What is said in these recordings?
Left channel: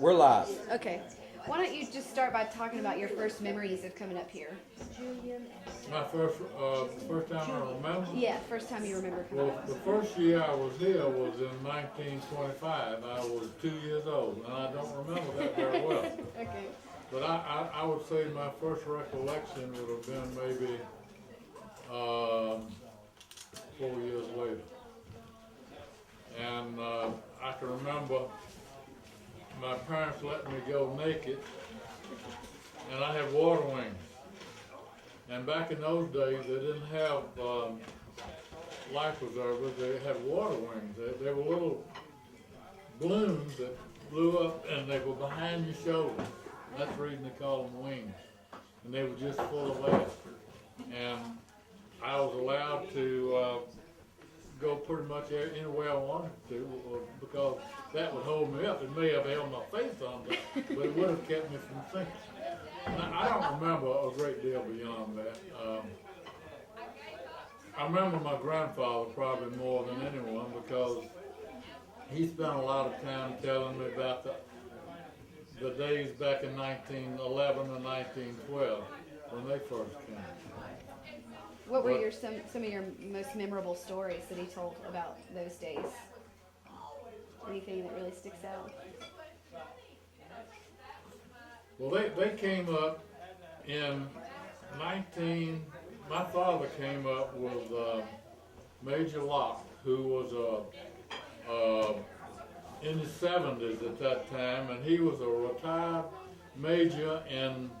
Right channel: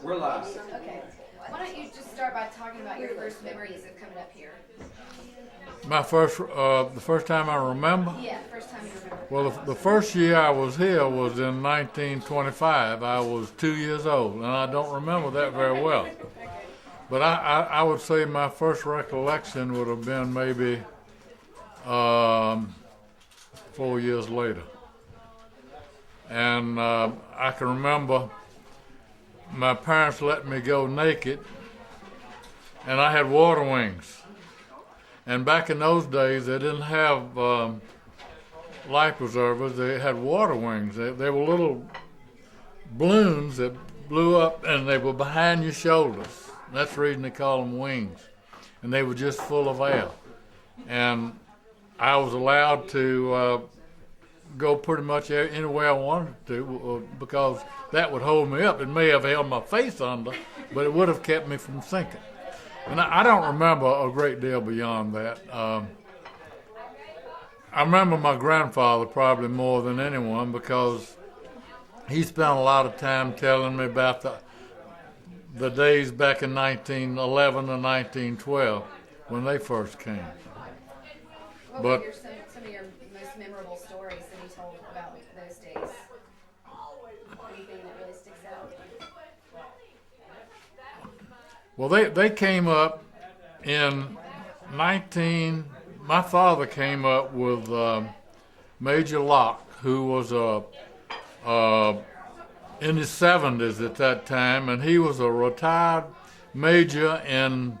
We're live. Okay. Why don't you just start by talking about your first memories of coming up here? The first time I remember. Yeah, first time you remember. Well, the first year I was here was in 1925. I was 2 years old, and I don't remember that very well. Okay. But I would say my first recollection would have been maybe 4 years later. And I can remember my parents let me go naked, and I had water wings. And back in those days, they didn't have life preservers. They had water wings. They were little balloons that blew up, and they were behind your shoulders. That's the reason they call them wings. And they were just full of air. And I was allowed to go pretty much anywhere I wanted to because that would hold me up. It may have held my face under, but it would have kept me from sinking. And I don't remember a great deal beyond that. I remember my grandfather probably more than anyone because he spent a lot of time telling me about the days back in 1911 and 1912 when they first came. What were some of your most memorable stories that he told about those days? Anything that really sticks out? Well, they came up in my father came up with Major Locke, who was in his 70s at that time, and he was a retired major in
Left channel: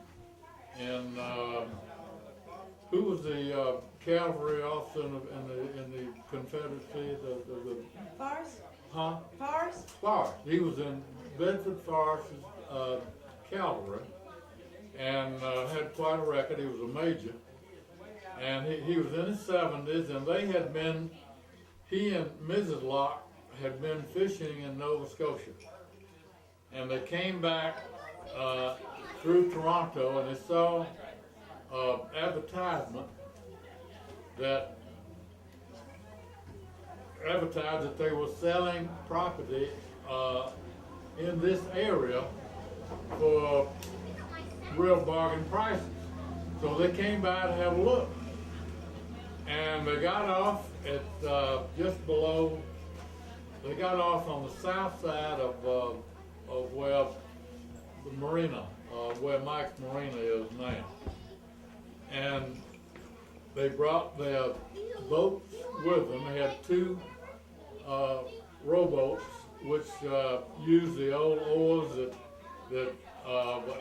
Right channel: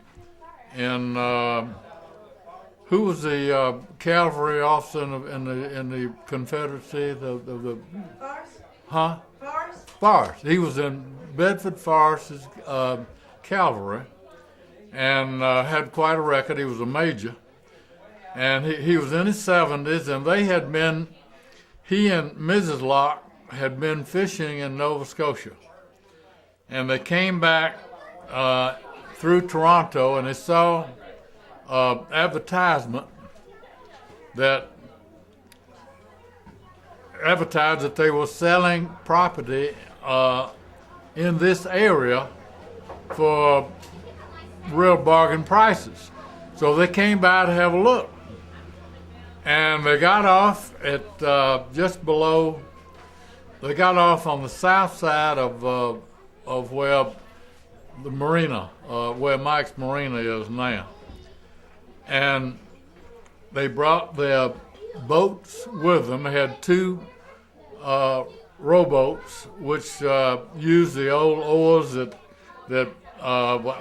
who was the cavalry officer in the Confederacy, the Forrest? huh? Forrest? Forrest. He was in Bedford Forrest's cavalry, and had quite a record. He was a major, and he was in his 70s, and he and Mrs. Locke had been fishing in Nova Scotia, and they came back through Toronto, and they saw advertisement that advertised that they were selling property in this area for real bargain prices. So they came by to have a look. And they got off at they got off on the south side of where the marina, where Mike's Marina is now. And they brought their boats with them. They had two rowboats, which used the old oars that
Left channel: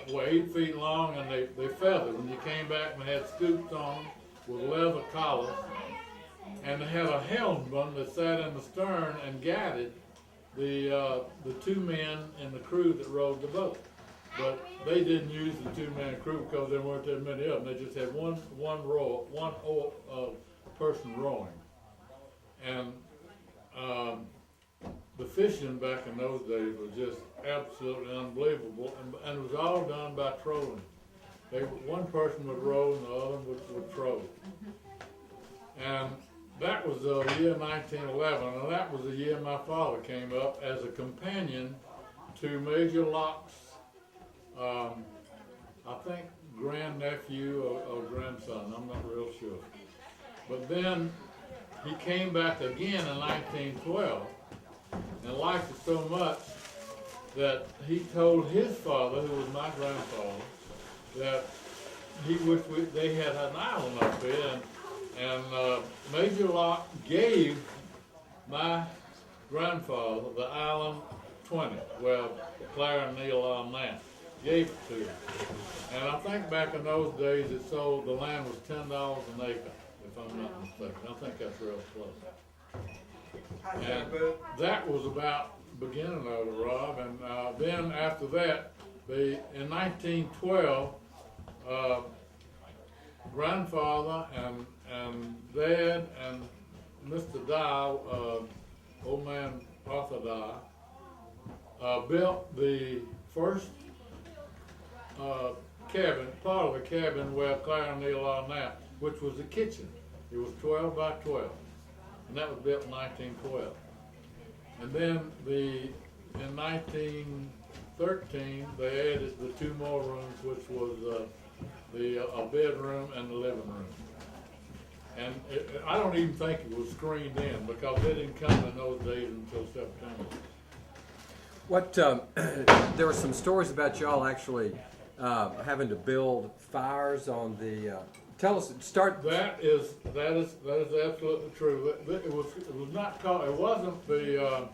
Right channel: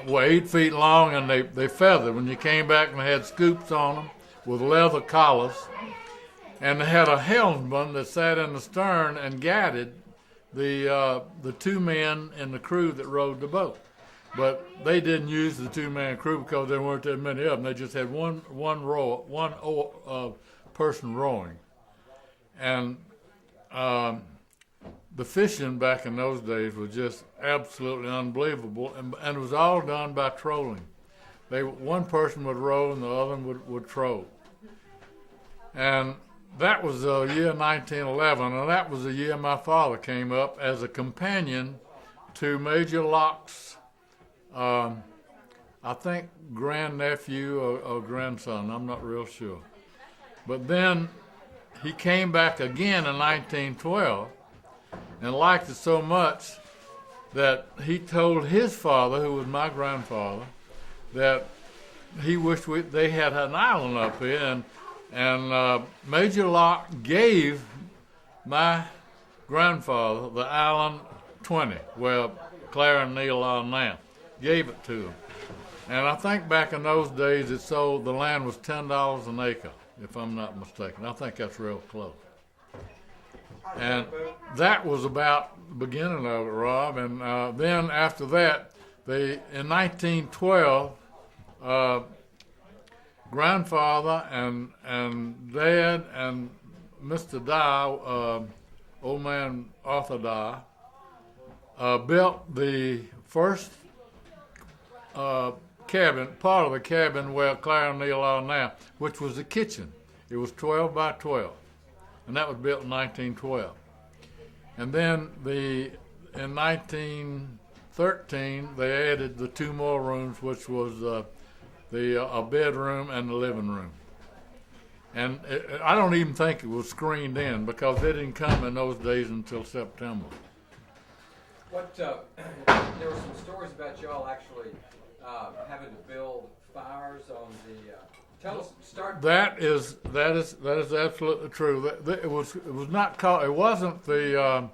were 8 feet long, and they feathered. When you came back, and they had scoops on them with leather collars, and they had a helmsman that sat in the stern and guided the two men in the crew that rowed the boat. But they didn't use the two-man crew because there weren't that many of them. They just had one person rowing, and the fishing back in those days was just absolutely unbelievable, and it was all done by trolling. One person would row and the other would troll. And that was the year 1911, and that was the year my father came up as a companion to Major Locke's, I think, grandnephew or grandson. I'm not real sure. But then he came back again in 1912 and liked it so much that he told his father, who was my grandfather, that he wished they had an island up here, and Major Locke gave my grandfather the island 20, where Clara and Neil are now. Gave it to him. And I think back in those days the land was $10 an acre, if I'm not mistaken. I think that's real close. And that was about the beginning of it, Rob. And then after that, in 1912, grandfather and dad and Mr. Dye, old man Arthur Dye, built the first cabin, part of the cabin where Clara and Neil are now, which was the kitchen. It was 12 by 12, and that was built in 1912. And then in 19 13, they added the 2 more rooms, which was a bedroom and the living room. And I don't even think it was screened in because they didn't come in those days until September. What there were some stories about y'all actually having to build fires on the. Tell us. Start. That is absolutely true. It was not called. It wasn't the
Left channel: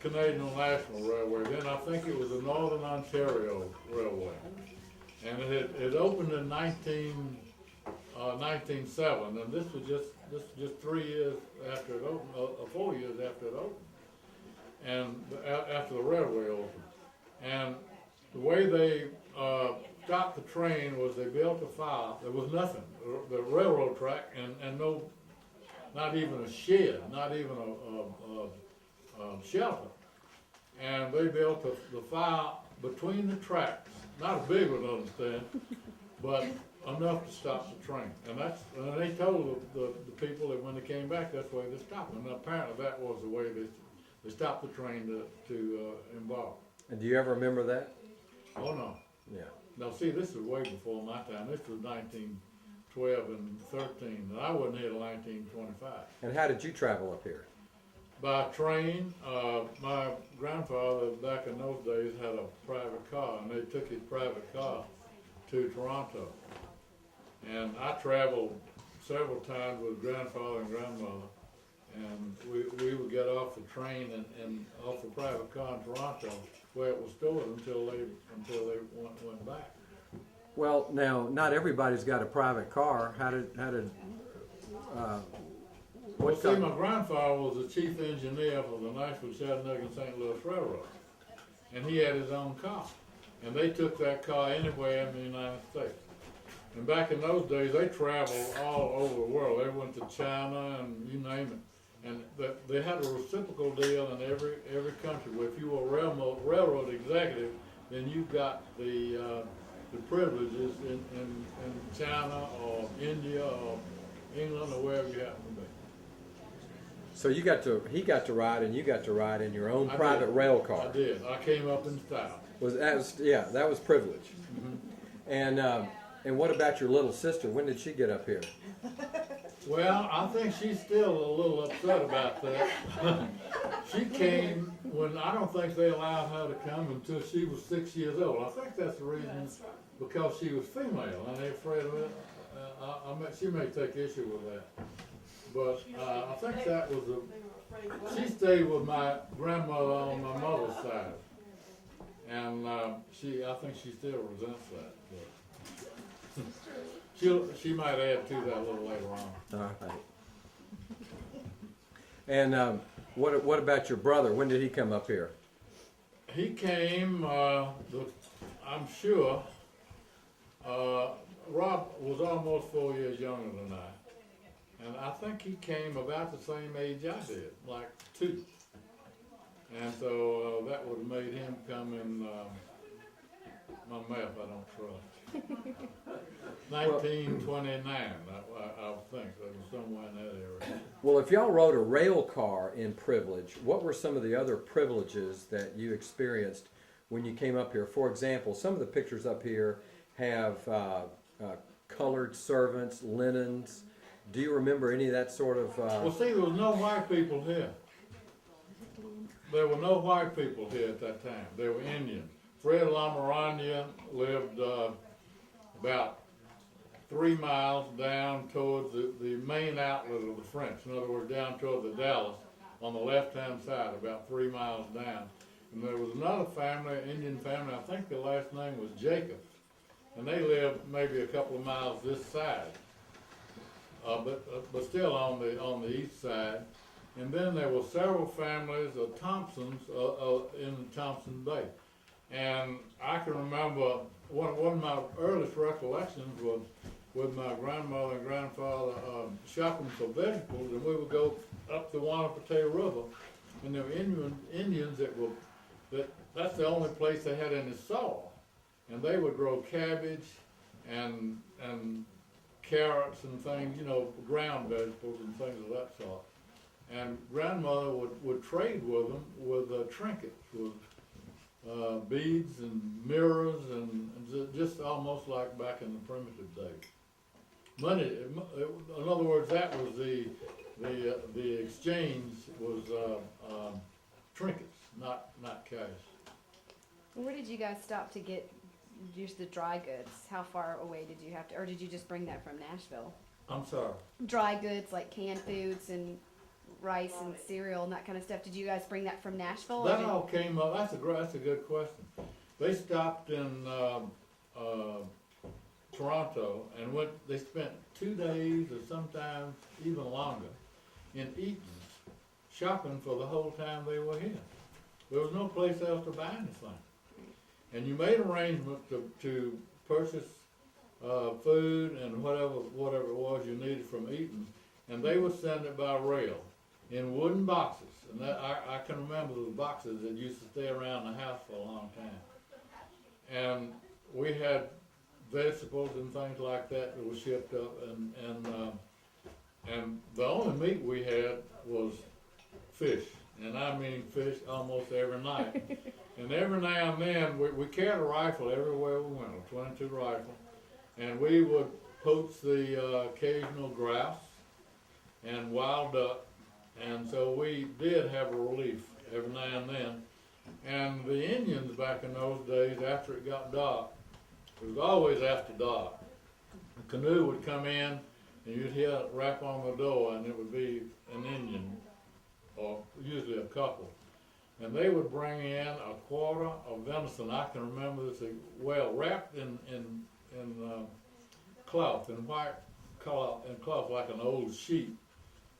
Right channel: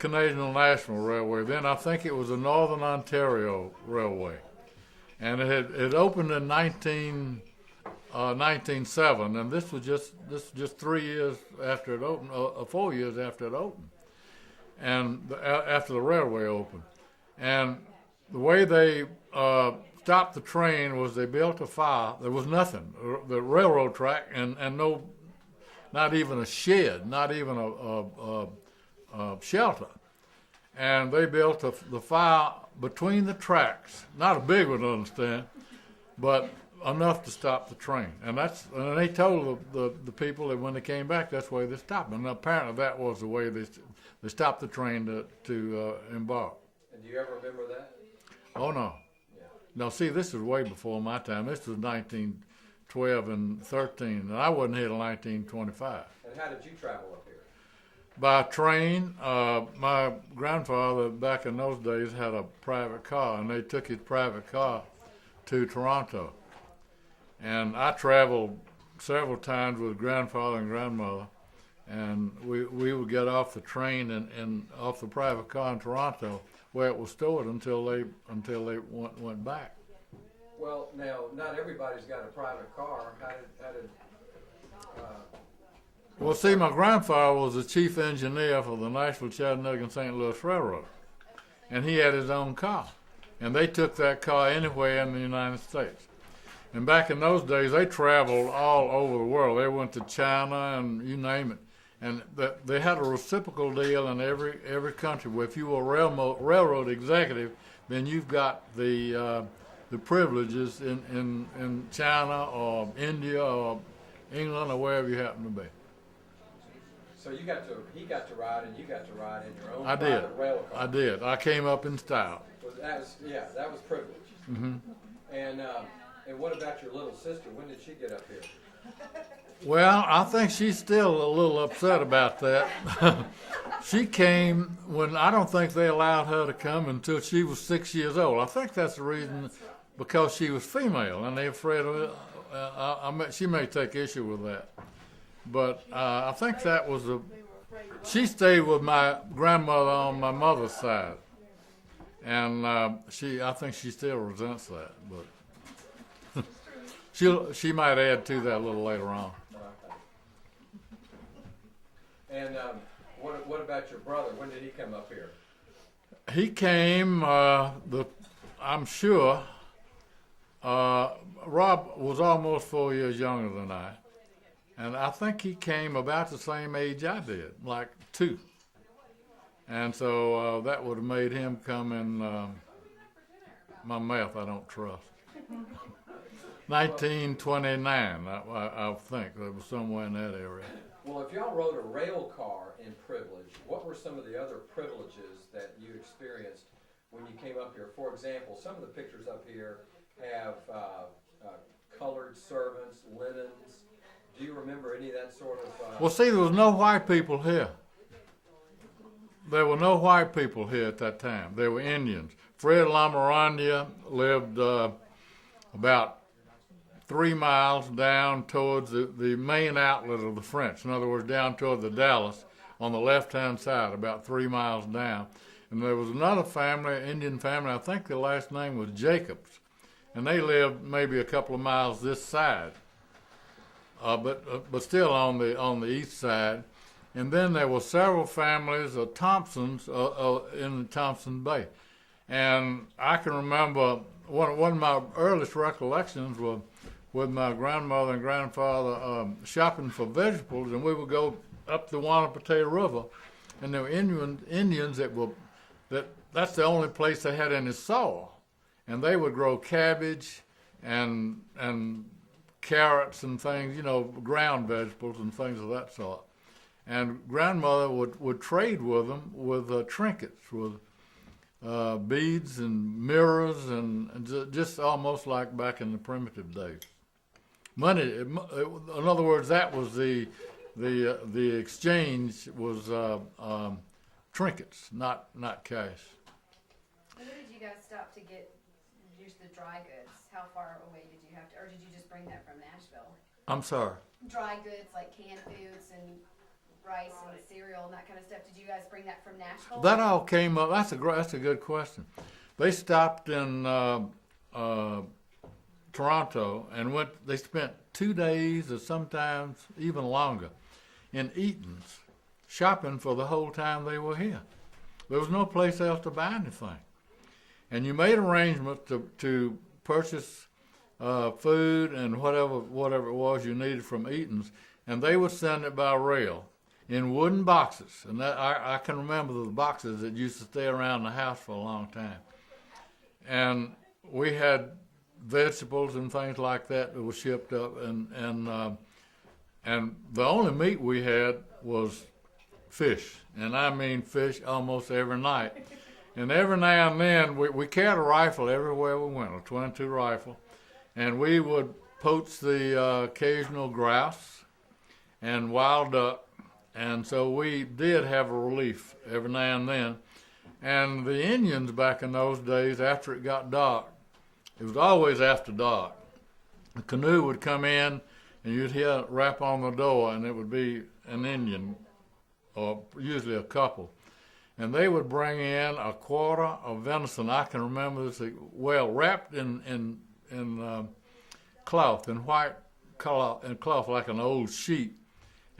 Canadian National Railway. Then I think it was the Northern Ontario Railway, and it opened in 1907, and this was just 3 years after it opened, 4 years after it opened, and after the railway opened. And the way they stopped the train was they built a fire. There was nothing, the railroad track, and no, not even a shed, not even a shelter. And they built the fire between the tracks, not a big one, understand, but enough to stop the train. And they told the people that when they came back, that's the way they stopped. And apparently that was the way they stopped the train to embark. And do you ever remember that? Oh, no. Yeah. Now, see, this is way before my time. This was 1912 and 13, and I wasn't here till 1925. And how did you travel up here? By train. My grandfather, back in those days, had a private car, and they took his private car to Toronto. And I traveled several times with grandfather and grandmother, and we would get off the train and off the private car in Toronto, where it was stored until they went back. Well, now not everybody's got a private car. How did Well, see, my grandfather was the chief engineer for the Nashville, Chattanooga, and St. Louis Railroad, and he had his own car, and they took that car anywhere in the United States. And back in those days, they traveled all over the world. They went to China and you name it. And they had a reciprocal deal in every country. Where if you were a railroad executive, then you've got the privileges in China or India or England or wherever you happen to be. So he got to ride, and you got to ride in your own I private did. rail car. I did. I came up in style. That was privilege. Mm-hmm. And what about your little sister? When did she get up here? Well, I think she's still a little upset about that. She came when I don't think they allowed her to come until she was 6 years old. I think that's the reason, because she was female, and they're afraid of it. She may take issue with that, but I think that was she stayed with my grandmother on my mother's side, and I think she still resents that, but. She might add to that a little later on. All right. And what about your brother? When did he come up here? He came. I'm sure. Rob was almost 4 years younger than I, and I think he came about the same age I did, like 2. And so that would have made him come in. My math, I don't trust. 1929, I think. That was somewhere in that area. Well, if y'all rode a rail car in privilege, what were some of the other privileges that you experienced when you came up here? For example, some of the pictures up here have colored servants, linens. Do you remember any of that sort of... Well, see, there was no white people here. There were no white people here at that time. They were Indians. Fred Lamorandia lived about 3 miles down towards the main outlet of the French. In other words, down toward the Dalles on the left-hand side, about 3 miles down. And there was another family, Indian family, I think the last name was Jacobs. And they lived maybe a couple of miles this side, but still on the east side. And then there were several families of Thompsons in Thompson Bay. And I can remember one of my earliest recollections was with my grandmother and grandfather shopping for vegetables, and we would go up the Wanapateh River, and there were Indians that's the only place they had any soil, and they would grow cabbage and carrots and things, ground vegetables and things of that sort. And grandmother would trade with them with trinkets, with beads and mirrors and just almost like back in the primitive days. Money, in other words, that was the exchange was trinkets, not cash. Where did you guys stop to get use the dry goods? How far away did you have to, or did you just bring that from Nashville? I'm sorry. Dry goods like canned foods and rice and cereal and that kind of stuff. Did you guys bring that from Nashville? That all came up. That's a good question. They stopped in Toronto and went. They spent 2 days or sometimes even longer in Eaton's, shopping for the whole time they were here. There was no place else to buy anything, and you made arrangements to purchase food and whatever it was you needed from Eaton's, and they would send it by rail in wooden boxes. And that I can remember the boxes that used to stay around the house for a long time. And we had vegetables and things like that that were shipped up, and the only meat we had was fish, and I mean fish almost every night. And every now and then we carried a rifle everywhere we went, a .22 rifle, and we would poach the occasional grouse and wild duck, and so we did have a relief every now and then. And the Indians back in those days, after it got dark, it was always after dark, the canoe would come in and you'd hear a rap on the door, and it would be an Indian, or usually a couple. And they would bring in a quarter of venison. I can remember this well, wrapped in cloth, in white cloth, like an old sheet.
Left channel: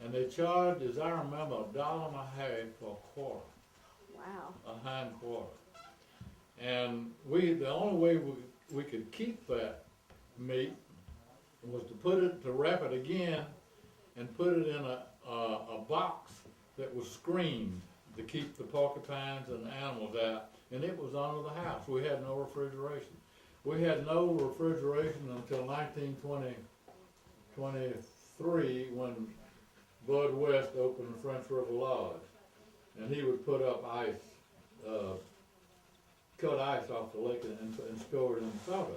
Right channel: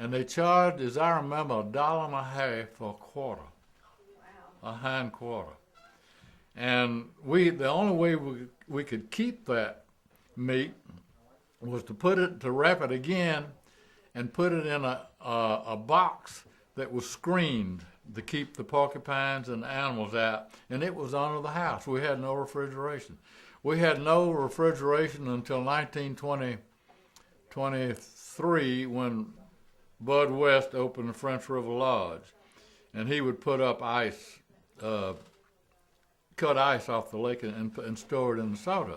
And they charged, as I remember, $1.50 for a quarter. Wow. A hind quarter. And the only way we could keep that meat was to wrap it again and put it in a box that was screened to keep the porcupines and the animals out, and it was under the house. We had no refrigeration. We had no refrigeration until 1923 when Bud West opened the French River Lodge, and he would put up ice, cut ice off the lake and store it in the soda.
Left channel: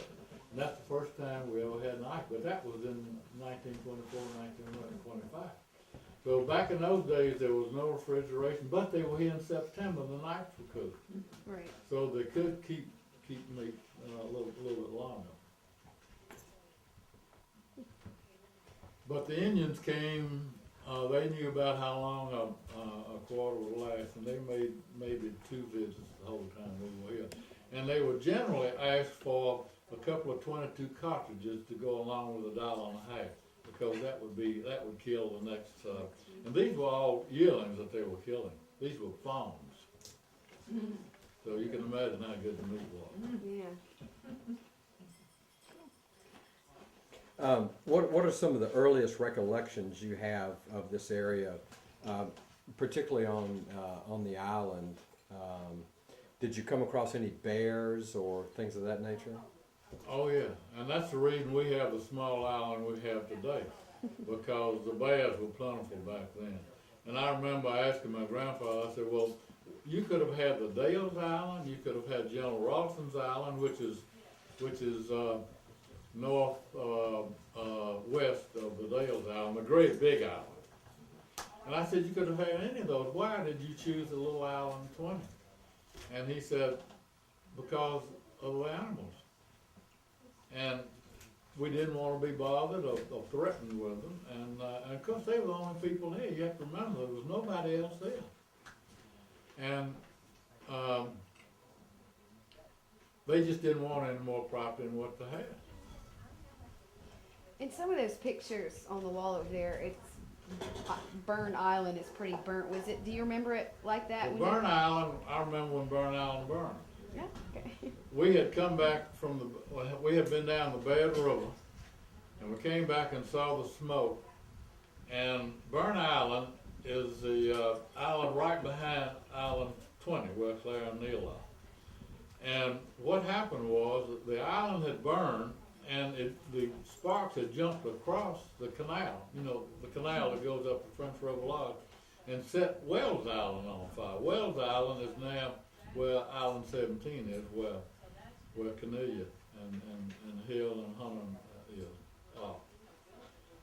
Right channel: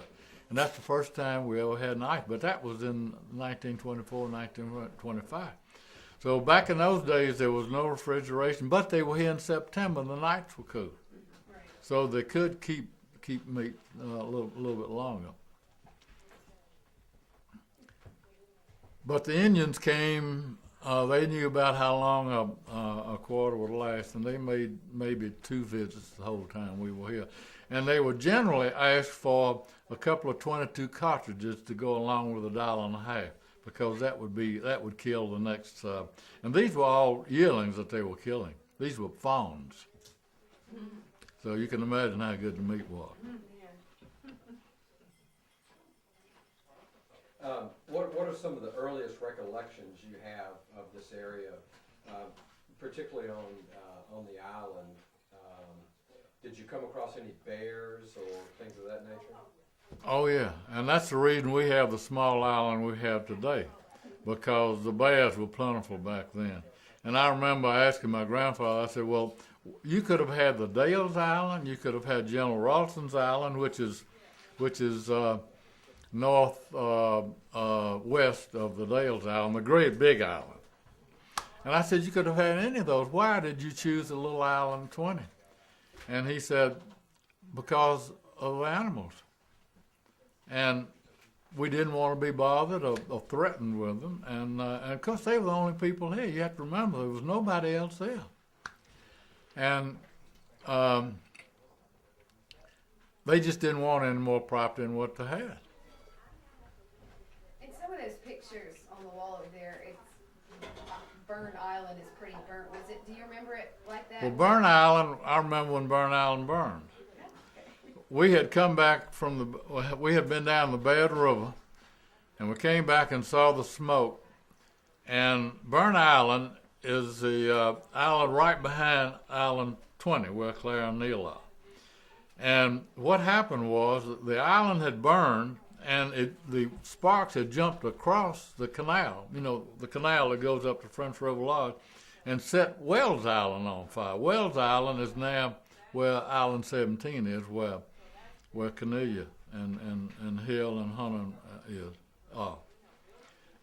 And that's the first time we ever had an ice, but that was in 1924, 1925. So back in those days, there was no refrigeration, but they were here in September, and the nights were cool. Right. So they could keep meat a little bit longer. But the Indians came, they knew about how long a quarter would last, and they made maybe 2 visits the whole time we were here. And they would generally ask for a couple of .22 cartridges to go along with $1.50, because that would kill the next. And these were all yearlings that they were killing. These were fawns. So you can imagine how good the meat was. Yeah. What are some of the earliest recollections you have of this area, particularly on the island? Did you come across any bears or things of that nature? Oh yeah, and that's the reason we have the small island we have today, because the bears were plentiful back then. And I remember asking my grandfather, I said, well, you could have had the Dales Island, you could have had General Ralston's Island, which is north west of the Dales Island, the great big island. And I said, you could have had any of those. Why did you choose the little island 20? And he said, because of the animals. And we didn't want to be bothered or threatened with them. And of course, they were the only people here. You have to remember, there was nobody else there. And they just didn't want any more property than what they had. In some of those pictures on the wall over there, it's Burn Island is pretty burnt. Was it? Do you remember it like that? Well, Burn Island, I remember when Burn Island burned. Yeah. Okay. We had come back we had been down the Bad River, and we came back and saw the smoke. And Burn Island is the island right behind Island 20, where Claire and Neil are. And what happened was that the island had burned, and the sparks had jumped across the canal, the canal that goes up to French River Lodge, and set Wells Island on fire. Wells Island is now where Island 17 is, where Cornelia and Hill and Hunter is.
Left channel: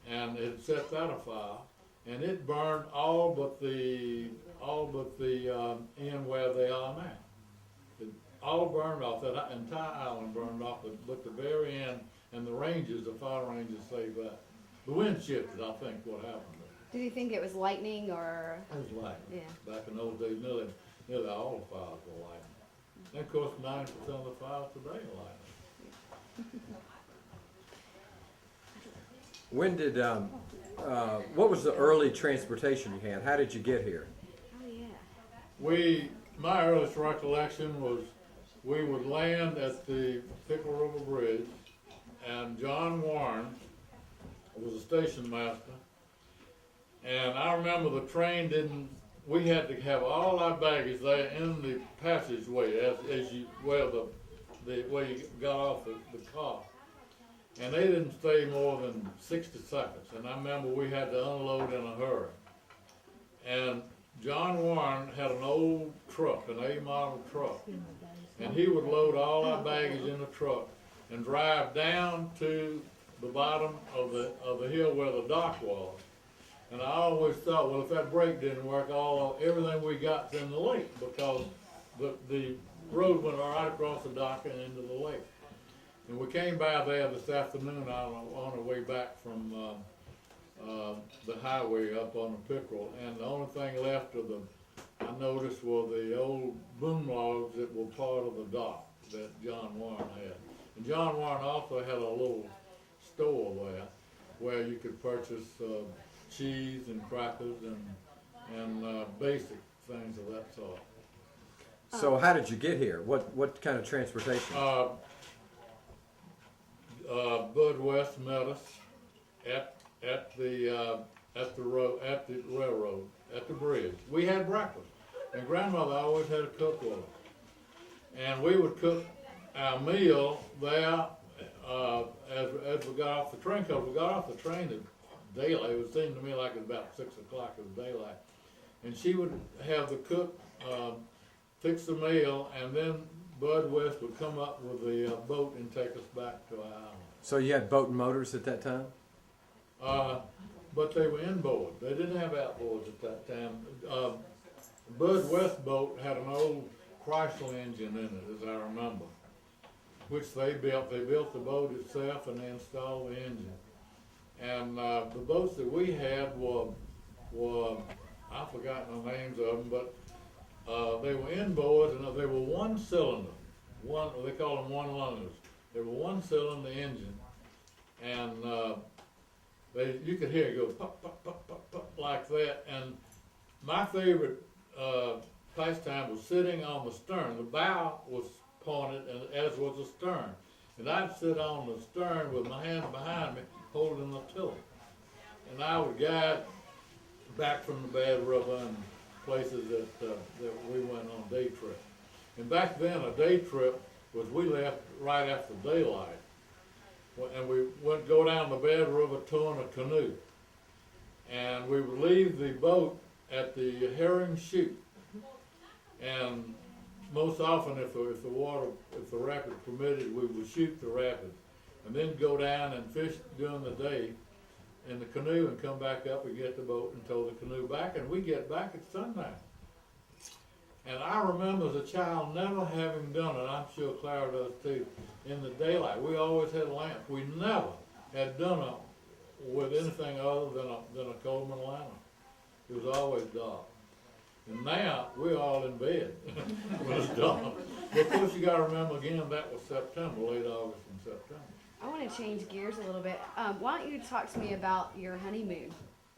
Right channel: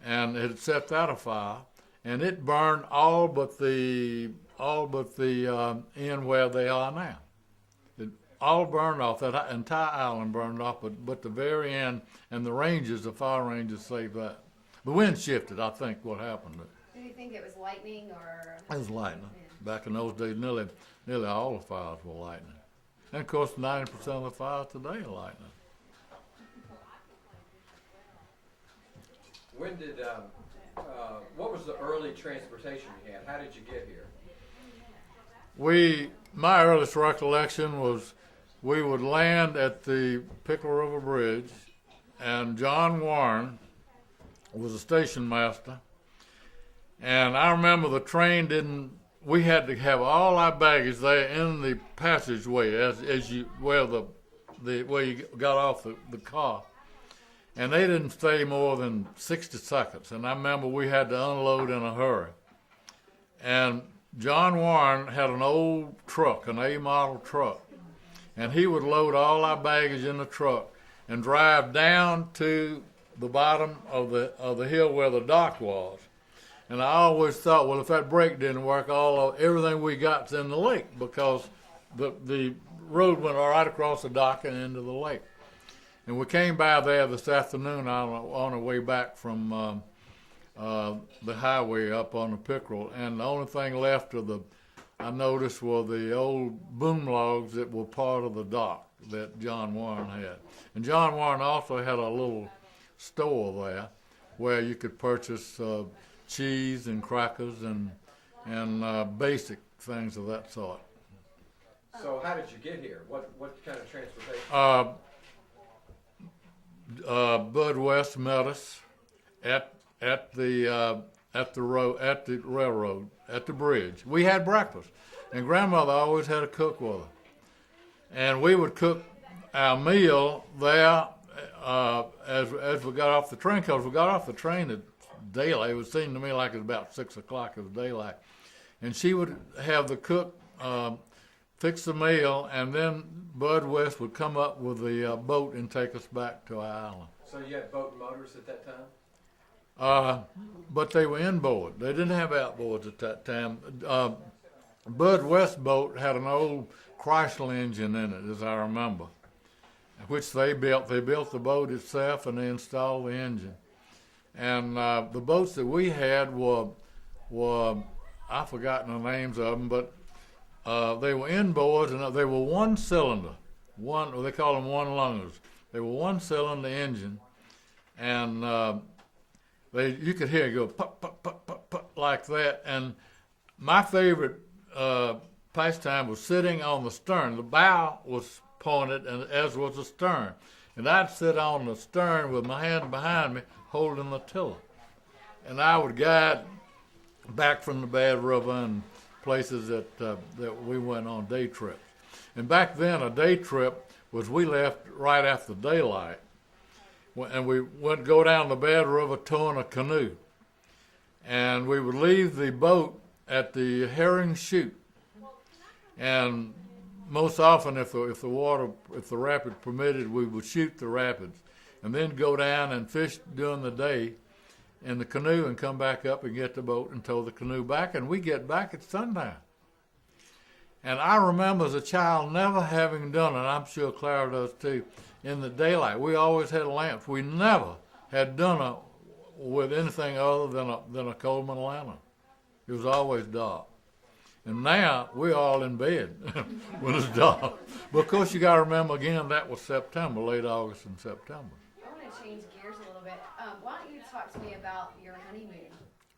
And it set that afire, and it burned all but the end where they are now. It all burned off. That entire island burned off, but the very end and the ranges, the fire ranges, saved that. The wind shifted, I think, what happened. Did you think it was lightning or? It was lightning. Yeah. Back in those days, nearly all the fires were lightning. And of course, 90% of the fires today are lightning. When did, what was the early transportation you had? How did you get here? My earliest recollection was we would land at the Pickle River Bridge, and John Warren was a station master. And I remember the train we had to have all our baggage there in the passageway as you, where you got off the car. And they didn't stay more than 60 seconds. And I remember we had to unload in a hurry. And John Warren had an old truck, an A-model truck. And he would load all our baggage in the truck and drive down to the bottom of the hill where the dock was. And I always thought, well, if that brake didn't work, everything we got's in the lake, because the road went right across the dock and into the lake. And we came by there this afternoon on our way back from the highway up on the Pickerel, and the only thing left I noticed were the old boom logs that were part of the dock that John Warren had. And John Warren also had a little store there where you could purchase cheese and crackers and basic things of that sort. So how did you get here? What kind of transportation? Bud West met us at the railroad, at the bridge. We had breakfast, and Grandmother always had a cook with her, and we would cook our meal there as we got off the train. Because we got off the train at daylight. It would seem to me like it was about 6 o'clock of daylight, and she would have the cook fix the meal, and then Bud West would come up with the boat and take us back to our island. So you had boat and motors at that time? But they were inboard. They didn't have outboards at that time. Bud West boat had an old Chrysler engine in it, as I remember, which they built. They built the boat itself, and they installed the engine. And the boats that we had were I've forgotten the names of them, but they were inboard, and they were one cylinder. They call them one lungers. They were one cylinder engine, and you could hear it go pop, pop, pop, pop, pop, like that. And my favorite pastime was sitting on the stern. The bow was pointed, and as was the stern. And I'd sit on the stern with my hand behind me, holding the tiller. And I would guide back from the Bad River and places that we went on day trip. And back then, a day trip was we left right after daylight, and we went go down the Bad River towing a canoe. And we would leave the boat at the Herring Chute, and most often, if the rapids permitted, we would shoot the rapids, and then go down and fish during the day in the canoe and come back up and get the boat and tow the canoe back, and we get back at sundown. And I remember as a child never having done it, I'm sure Clara does too, in the daylight. We always had lamps. We never had done it with anything other than a Coleman lantern. It was always dark. And now we're all in bed when it's dark. But of course, you got to remember again, that was September, late August and September. I want to change gears a little bit. Why don't you talk to me about your honeymoon?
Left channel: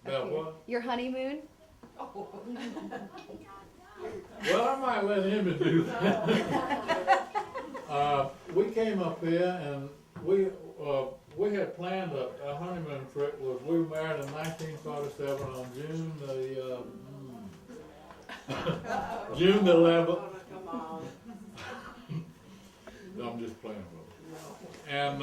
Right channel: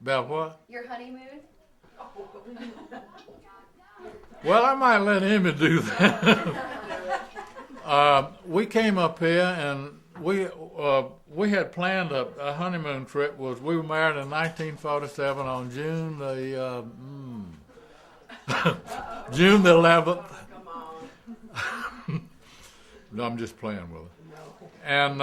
About what? Your honeymoon? Well, I might let him do that. We came up here, and we had planned a honeymoon trip. We were married in 1947 on June the June the 11th. No, I'm just playing with it. And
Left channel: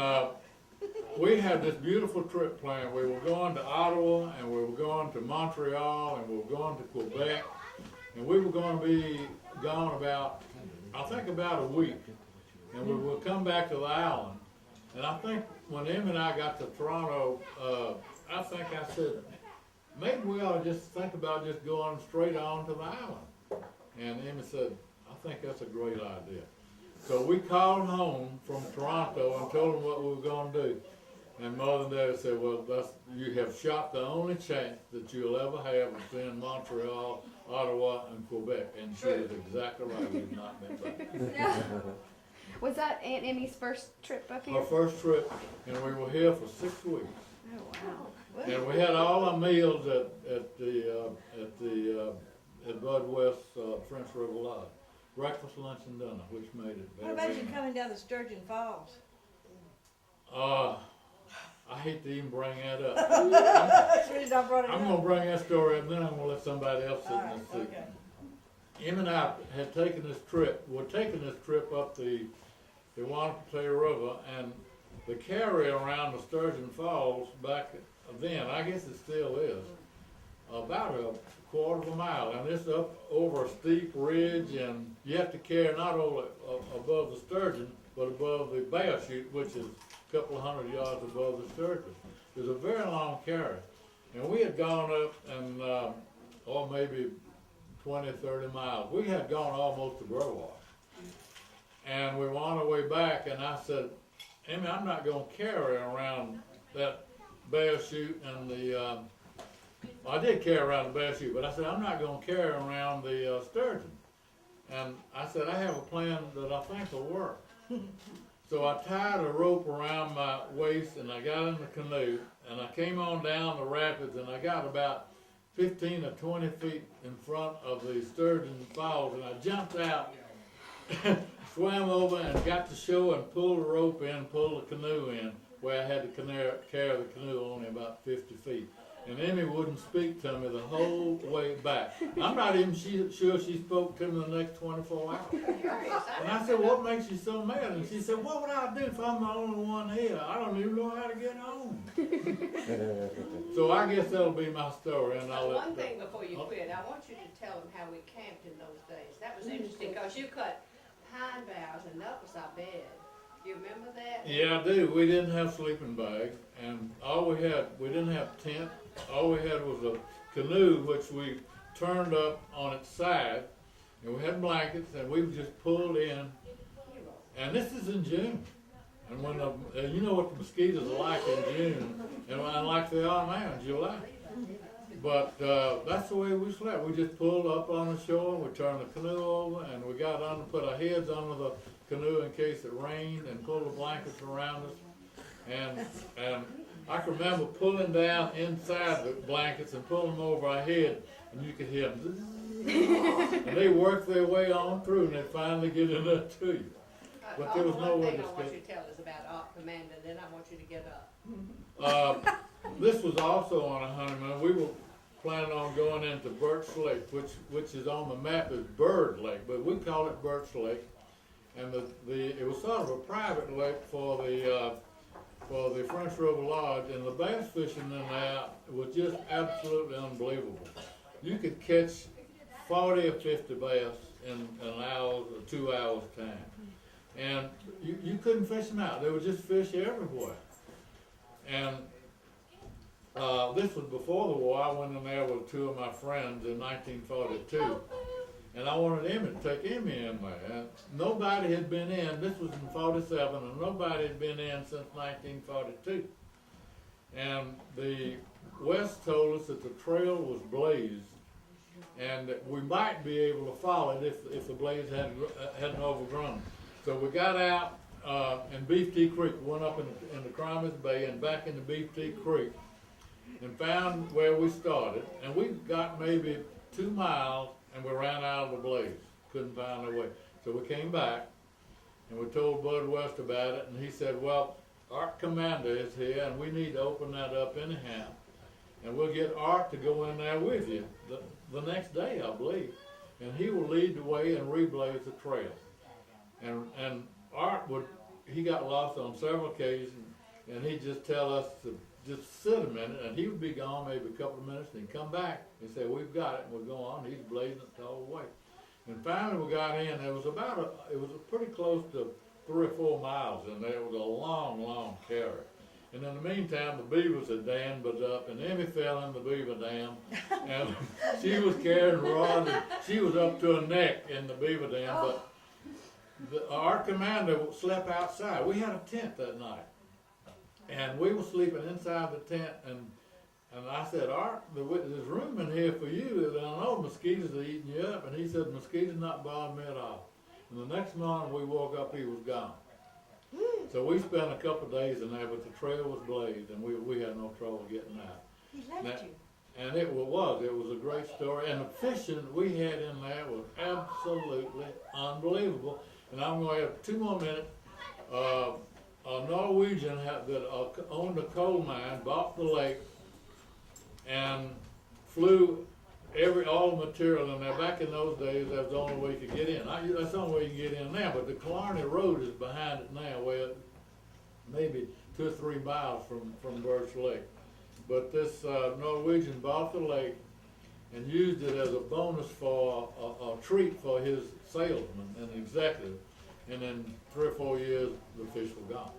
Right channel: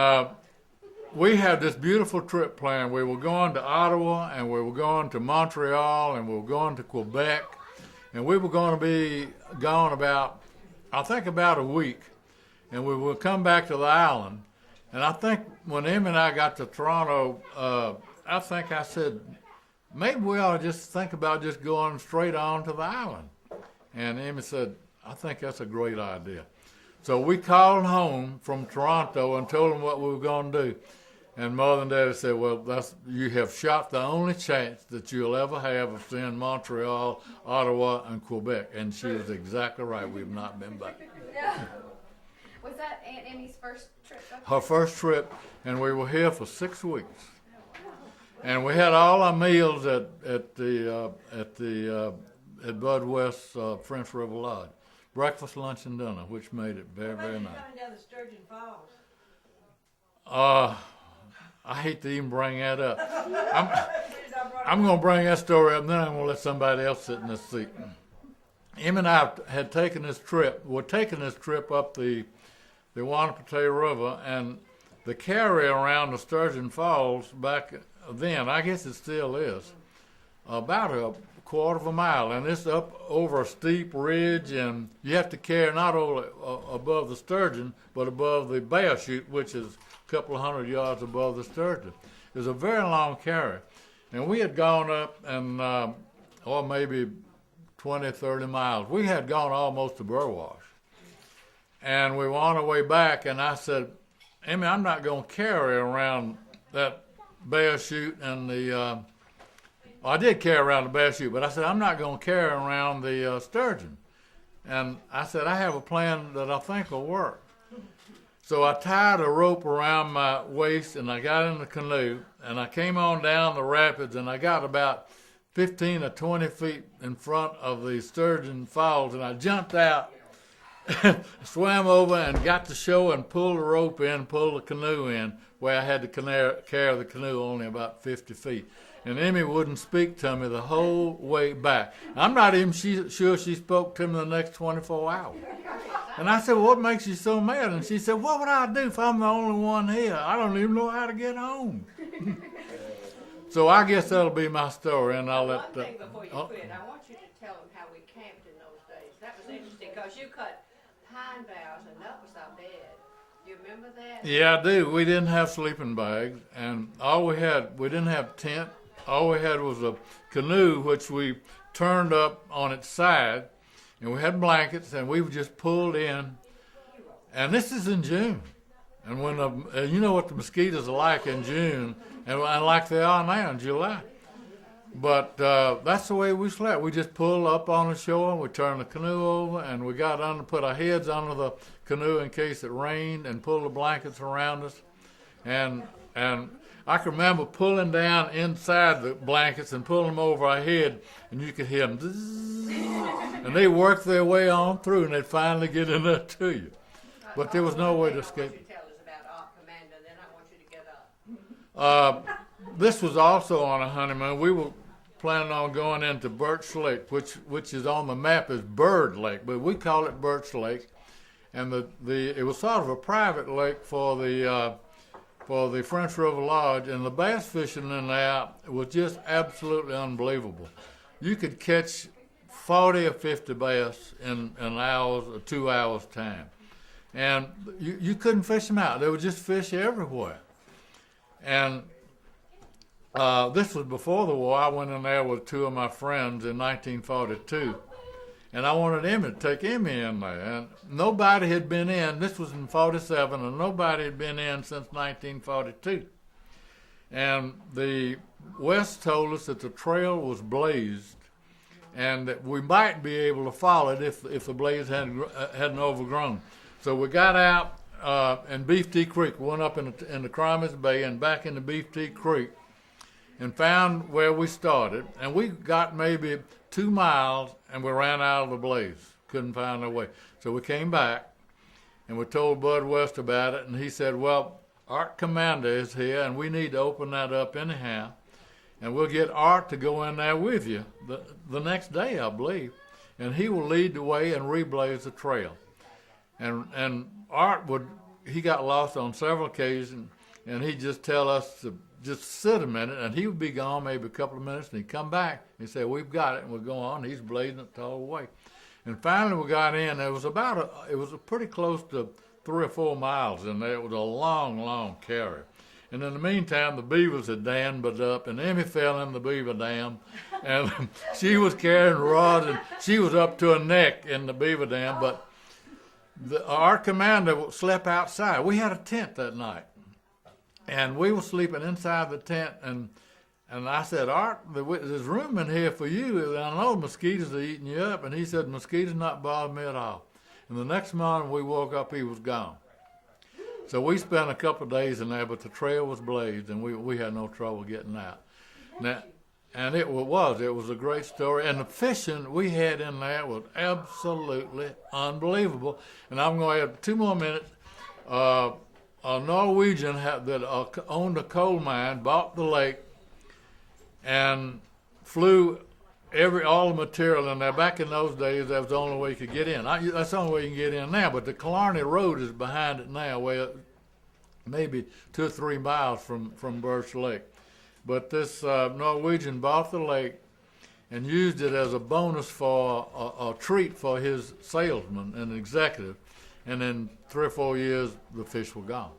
we had this beautiful trip planned. We were going to Ottawa, and we were going to Montreal, and we were going to Quebec, and we were going to be gone about I think about a week, and we would come back to the island. And I think when Emmy and I got to Toronto, I think I said, maybe we ought to just think about just going straight on to the island. And Emmy said, I think that's a great idea. So we called home from Toronto and told them what we were going to do. And Mother and Daddy said, well, you have shot the only chance that you'll ever have of seeing Montreal, Ottawa, and Quebec. And she was exactly right. We've not been back. Was that Aunt Emmy's first trip up Her here? first trip, and we were here for 6 weeks. Oh, wow. And we had all our meals at Bud West French River Lodge. Breakfast, lunch, and dinner, which made it very, What about very you nice. coming down the Sturgeon Falls? I hate to even bring that up. I'm I'm going to bring that story up, then I'm going to let somebody else sit in this seat. Em and I had taken this trip. We're taking this trip up the Wanapete River, and the carry around the Sturgeon Falls back then, I guess it still is, about a quarter of a mile, and it's up over a steep ridge, and you have to carry not only above the sturgeon, but above the bear chute, which is a couple of 100 yards above the sturgeon. It was a very long carry, and we had gone up and, or maybe 20, 30 miles. We had gone almost to Burwash, and we were on our way back, and I said, Emmy, I'm not going to carry around that bear chute and the, well, I did carry around the bear chute, but I said, I'm not going to carry around the sturgeon. And I said, I have a plan that I think will work. So I tied a rope around my waist, and I got in the canoe, and I came on down the rapids, and I got about 15 or 20 feet in front of the Sturgeon Falls, and I jumped out, swam over, and got to shore and pulled the rope in, pulled the canoe in, where I had to carry the canoe only about 50 feet. And Emmy wouldn't speak to me the whole way back. I'm not even sure she spoke to me the next 24 hours. And I said, well, what makes you so mad? And she said, what would I do if I'm the only one here? I don't even know how to get home. So I guess that'll be my story, and I'll let... One thing before you quit, I want you to tell them how we camped in those days. That was interesting, because you cut pine boughs, and that was our bed. Do you remember that? Yeah, I do. We didn't have sleeping bags, and we didn't have tent. All we had was a canoe, which we turned up on its side, and we had blankets, and we just pulled in. And this is in June, and when you know what the mosquitoes are like in June, and like they are now in July. But that's the way we slept. We just pulled up on the shore, we turned the canoe over, and we got under, put our heads under the canoe in case it rained, and pulled the blankets around us. And I can remember pulling down inside the blankets and pulling them over our head, and you could hear them, zzz, and they worked their way on through, and they'd finally get in there to you. But there was no way to escape. I want you to tell us about Art Commander, then I want you to get up. This was also on a honeymoon. We were planning on going into Birch Lake, which is on the map as Bird Lake, but we call it Birch Lake. And it was sort of a private lake for the French River Lodge, and the bass fishing in there was just absolutely unbelievable. You could catch 40 or 50 bass in an hour or 2 hours time. And you couldn't fish them out. There were just fish everywhere. And this was before the war. I went in there with two of my friends in 1942. And I wanted Emmy to take Emmy in there. And nobody had been in. This was in 47, and nobody had been in since 1942. And the West told us that the trail was blazed, and that we might be able to follow it if the blaze hadn't overgrown. So we got out in Beef Tea Creek, went up in the Cromis Bay and back into Beef Tea Creek, and found where we started. And we got maybe 2 miles, and we ran out of the blaze. Couldn't find our way. So we came back, and we told Bud West about it, and he said, well, Art Commander is here, and we need to open that up anyhow, and we'll get Art to go in there with you the next day, I believe, and he will lead the way and reblaze the trail. And Art he got lost on several occasions, and he'd just tell us to just sit a minute, and he would be gone maybe a couple of minutes, and he'd come back and say, we've got it, and we'll go on. He's blazing it all the way. And finally we got in. It was pretty close to 3 or 4 miles in there. It was a long, long carry. And in the meantime, the beavers had dammed up, and Emmy fell in the beaver dam, and she was carrying rods, and she was up to her neck in the beaver dam. But our commander slept outside. We had a tent that night, and we were sleeping inside the tent. And I said, Art, there's room in here for you. And I know mosquitoes are eating you up. And he said, mosquitoes not bother me at all. And the next morning we woke up, he was gone. So we spent a couple of days in there, but the trail was blazed, and we had no trouble getting out. And it was a great story. And the fishing we had in there was absolutely unbelievable. And I'm going to have 2 more minutes. A Norwegian that owned a coal mine bought the lake and flew all the material in there. Back in those days, that was the only way you could get in. That's the only way you can get in now. But the Killarney Road is behind it now, maybe 2 or 3 miles from Birch Lake. But this Norwegian bought the lake and used it as a bonus for a treat for his salesman and executive. And in 3 or 4 years, the fish were gone.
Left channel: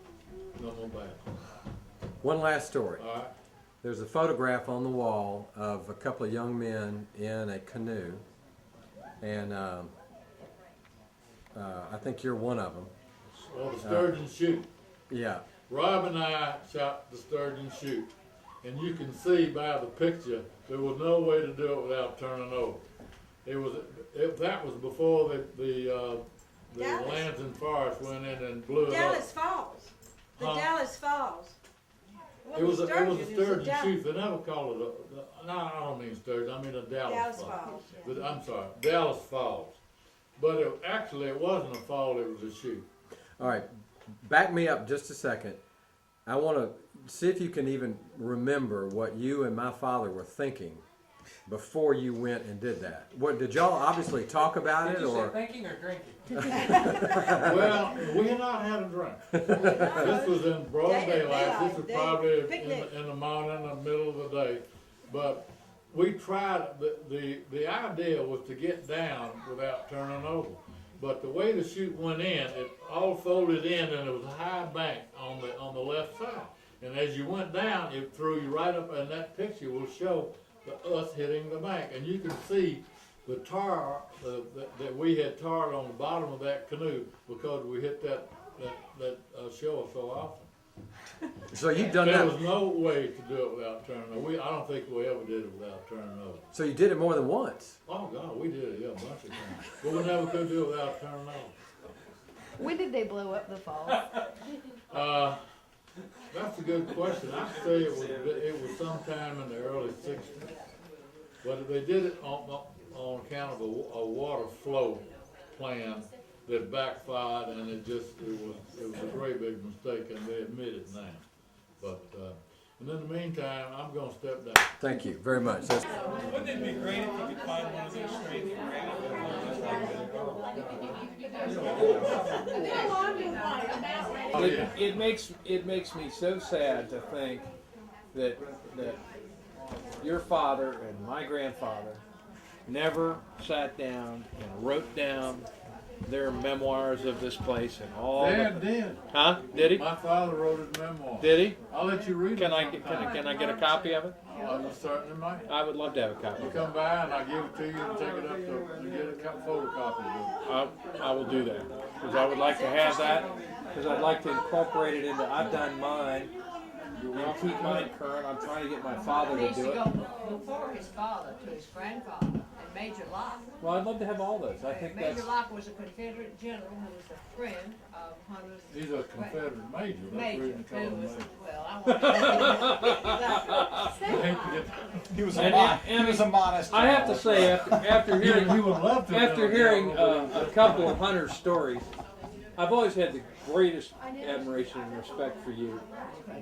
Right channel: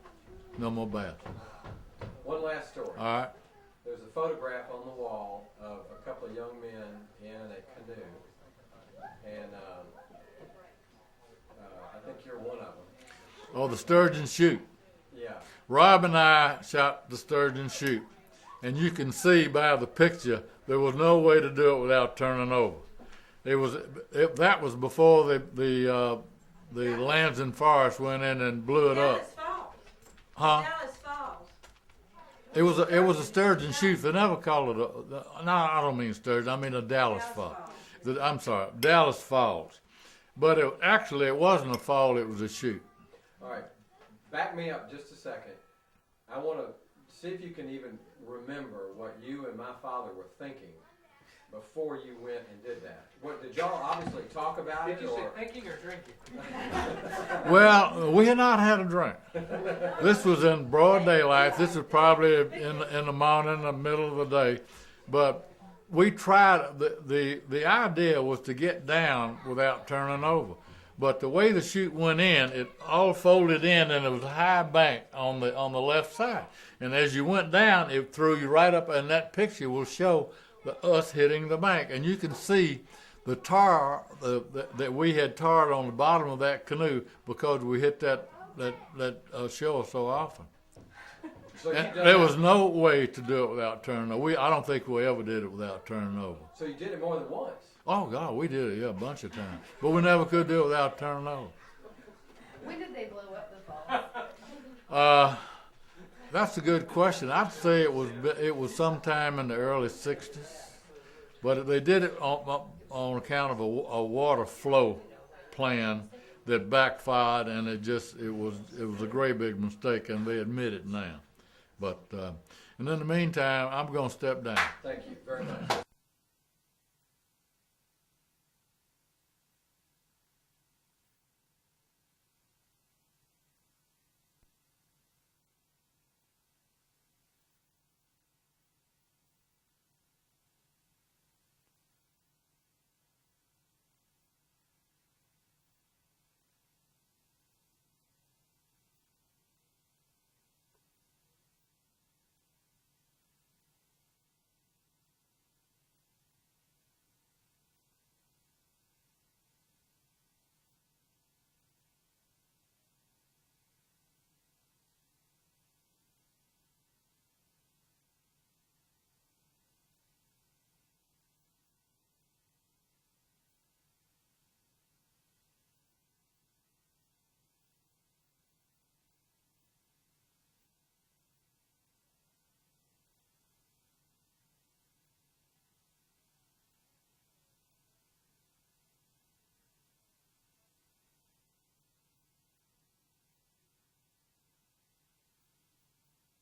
No more bass. One last story. All right. There's a photograph on the wall of a couple of young men in a canoe, and I think you're one of them. Oh, the sturgeon shoot. Yeah. Rob and I shot the sturgeon shoot, and you can see by the picture there was no way to do it without turning over. That was before the Lands and Forest went in and blew it up. Dallas Falls. Huh? Dallas Falls. It was a sturgeon shoot. They never call it no, I don't mean sturgeon. I mean a Dallas Falls. I'm sorry, Dallas Falls. But it wasn't a fall. It was a shoot. All right. Back me up just a second. I want to see if you can even remember what you and my father were thinking before you went and did that. What did y'all obviously talk about Did it, you or say thinking or drinking? Well, we had not had a drink. This was in broad daylight. This was probably in the morning, in the middle of the day. But we tried, the idea was to get down without turning over. But the way the chute went in, it all folded in, and it was a high bank on the left side. And as you went down, it threw you right up, and that picture will show us hitting the bank. And you can see the tar that we had tarred on the bottom of that canoe because we hit that shore so often. so you And done there that? was no way to do it without turning over. I don't think we ever did it without turning over. So you did it more than once. Oh God, we did it, a bunch of times. But we never could do it without turning over. When did they blow up the falls? That's a good question. I'd say it was sometime in the early '60s, but they did it on account of a water flow plan that backfired, and it was a great big mistake, and they admit it now. But and in the meantime, I'm going to step down. Thank you very much. Wouldn't it be great if you could find one of those straight It makes me so sad to think that your father and my grandfather never sat down and wrote down their memoirs of this place and all. Dad did. Huh? Did he? My father wrote his memoir. Did he? I'll let you read Can it. I get a copy of it? I certainly might. I would love to have a copy. You come by and I'll give it to you and take it up to get a photocopy of it. I will do that because I would like to have that because I'd like to incorporate it into. I've done mine. And keep mine current. I'm trying to get my father They to used do to it. go before his father to his grandfather and Major Locke. Well, I'd love to have all those. I think that's. Major Locke was a Confederate general who was a friend of Hunter's. He's a Confederate major. That's Major, reason to call who him was, major. well, I want He was And- a modest. I have to child. say, after hearing He would love to. after hearing a couple of Hunter's stories, I've always had the greatest admiration and respect for you.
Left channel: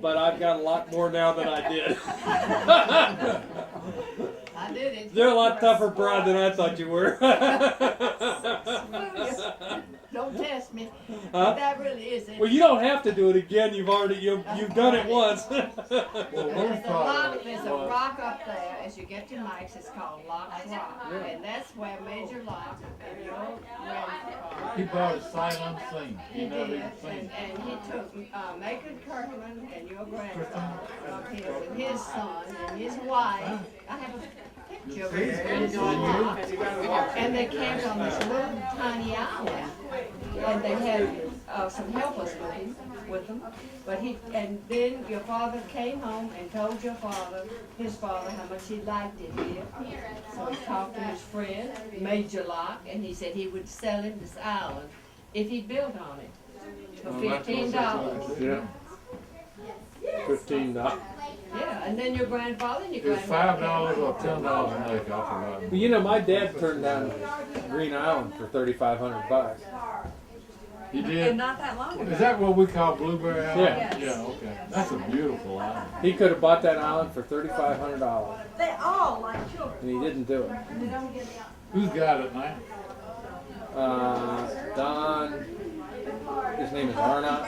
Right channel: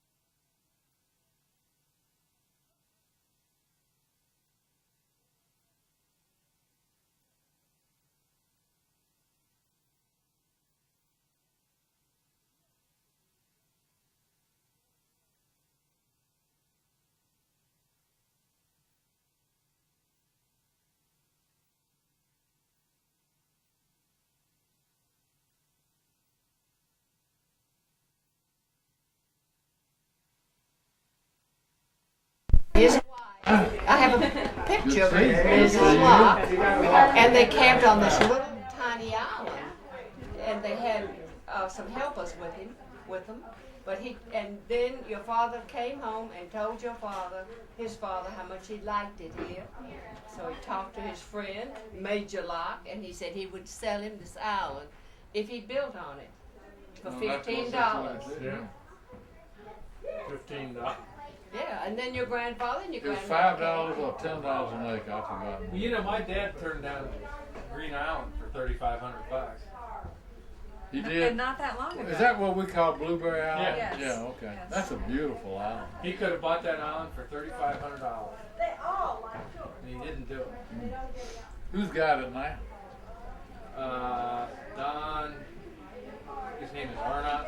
But I've got a lot more now than I did. I did it. You're a lot tougher broad than I thought you were. Don't test me. Huh? That really is it. Well, you don't have to do it again. You've done it once. Well, There's a rock up there, as you get to Mike's, it's called Locke's Rock. And that's where Major Locke and your grandfather. he bought a sight unseen. He He never did, even seen and it. he took Macon Kirkland and your grandfather up here with his son and his wife. I have a picture of Major Locke, and they camped on this little tiny island. And they had some helpers with them. But and then your father came home and told his father, how much he liked it here. So he talked to his friend, Major Locke, and he said he would sell him this island if he built on it for Well, that's what $15. they Yeah. $15. Yeah, and then your grandfather and your It was grandmother. $5 or $10 an acre. I forgot. Well, you know, my dad turned down Green Island for $3,500. He And did. not that long ago. Is that what we call Blueberry Island? Yeah. Yes. Yeah. Okay. That's a beautiful island. He could have bought that island for $3,500, They all like children. and he didn't do it. Who's got it now? Don, his name is Arnott.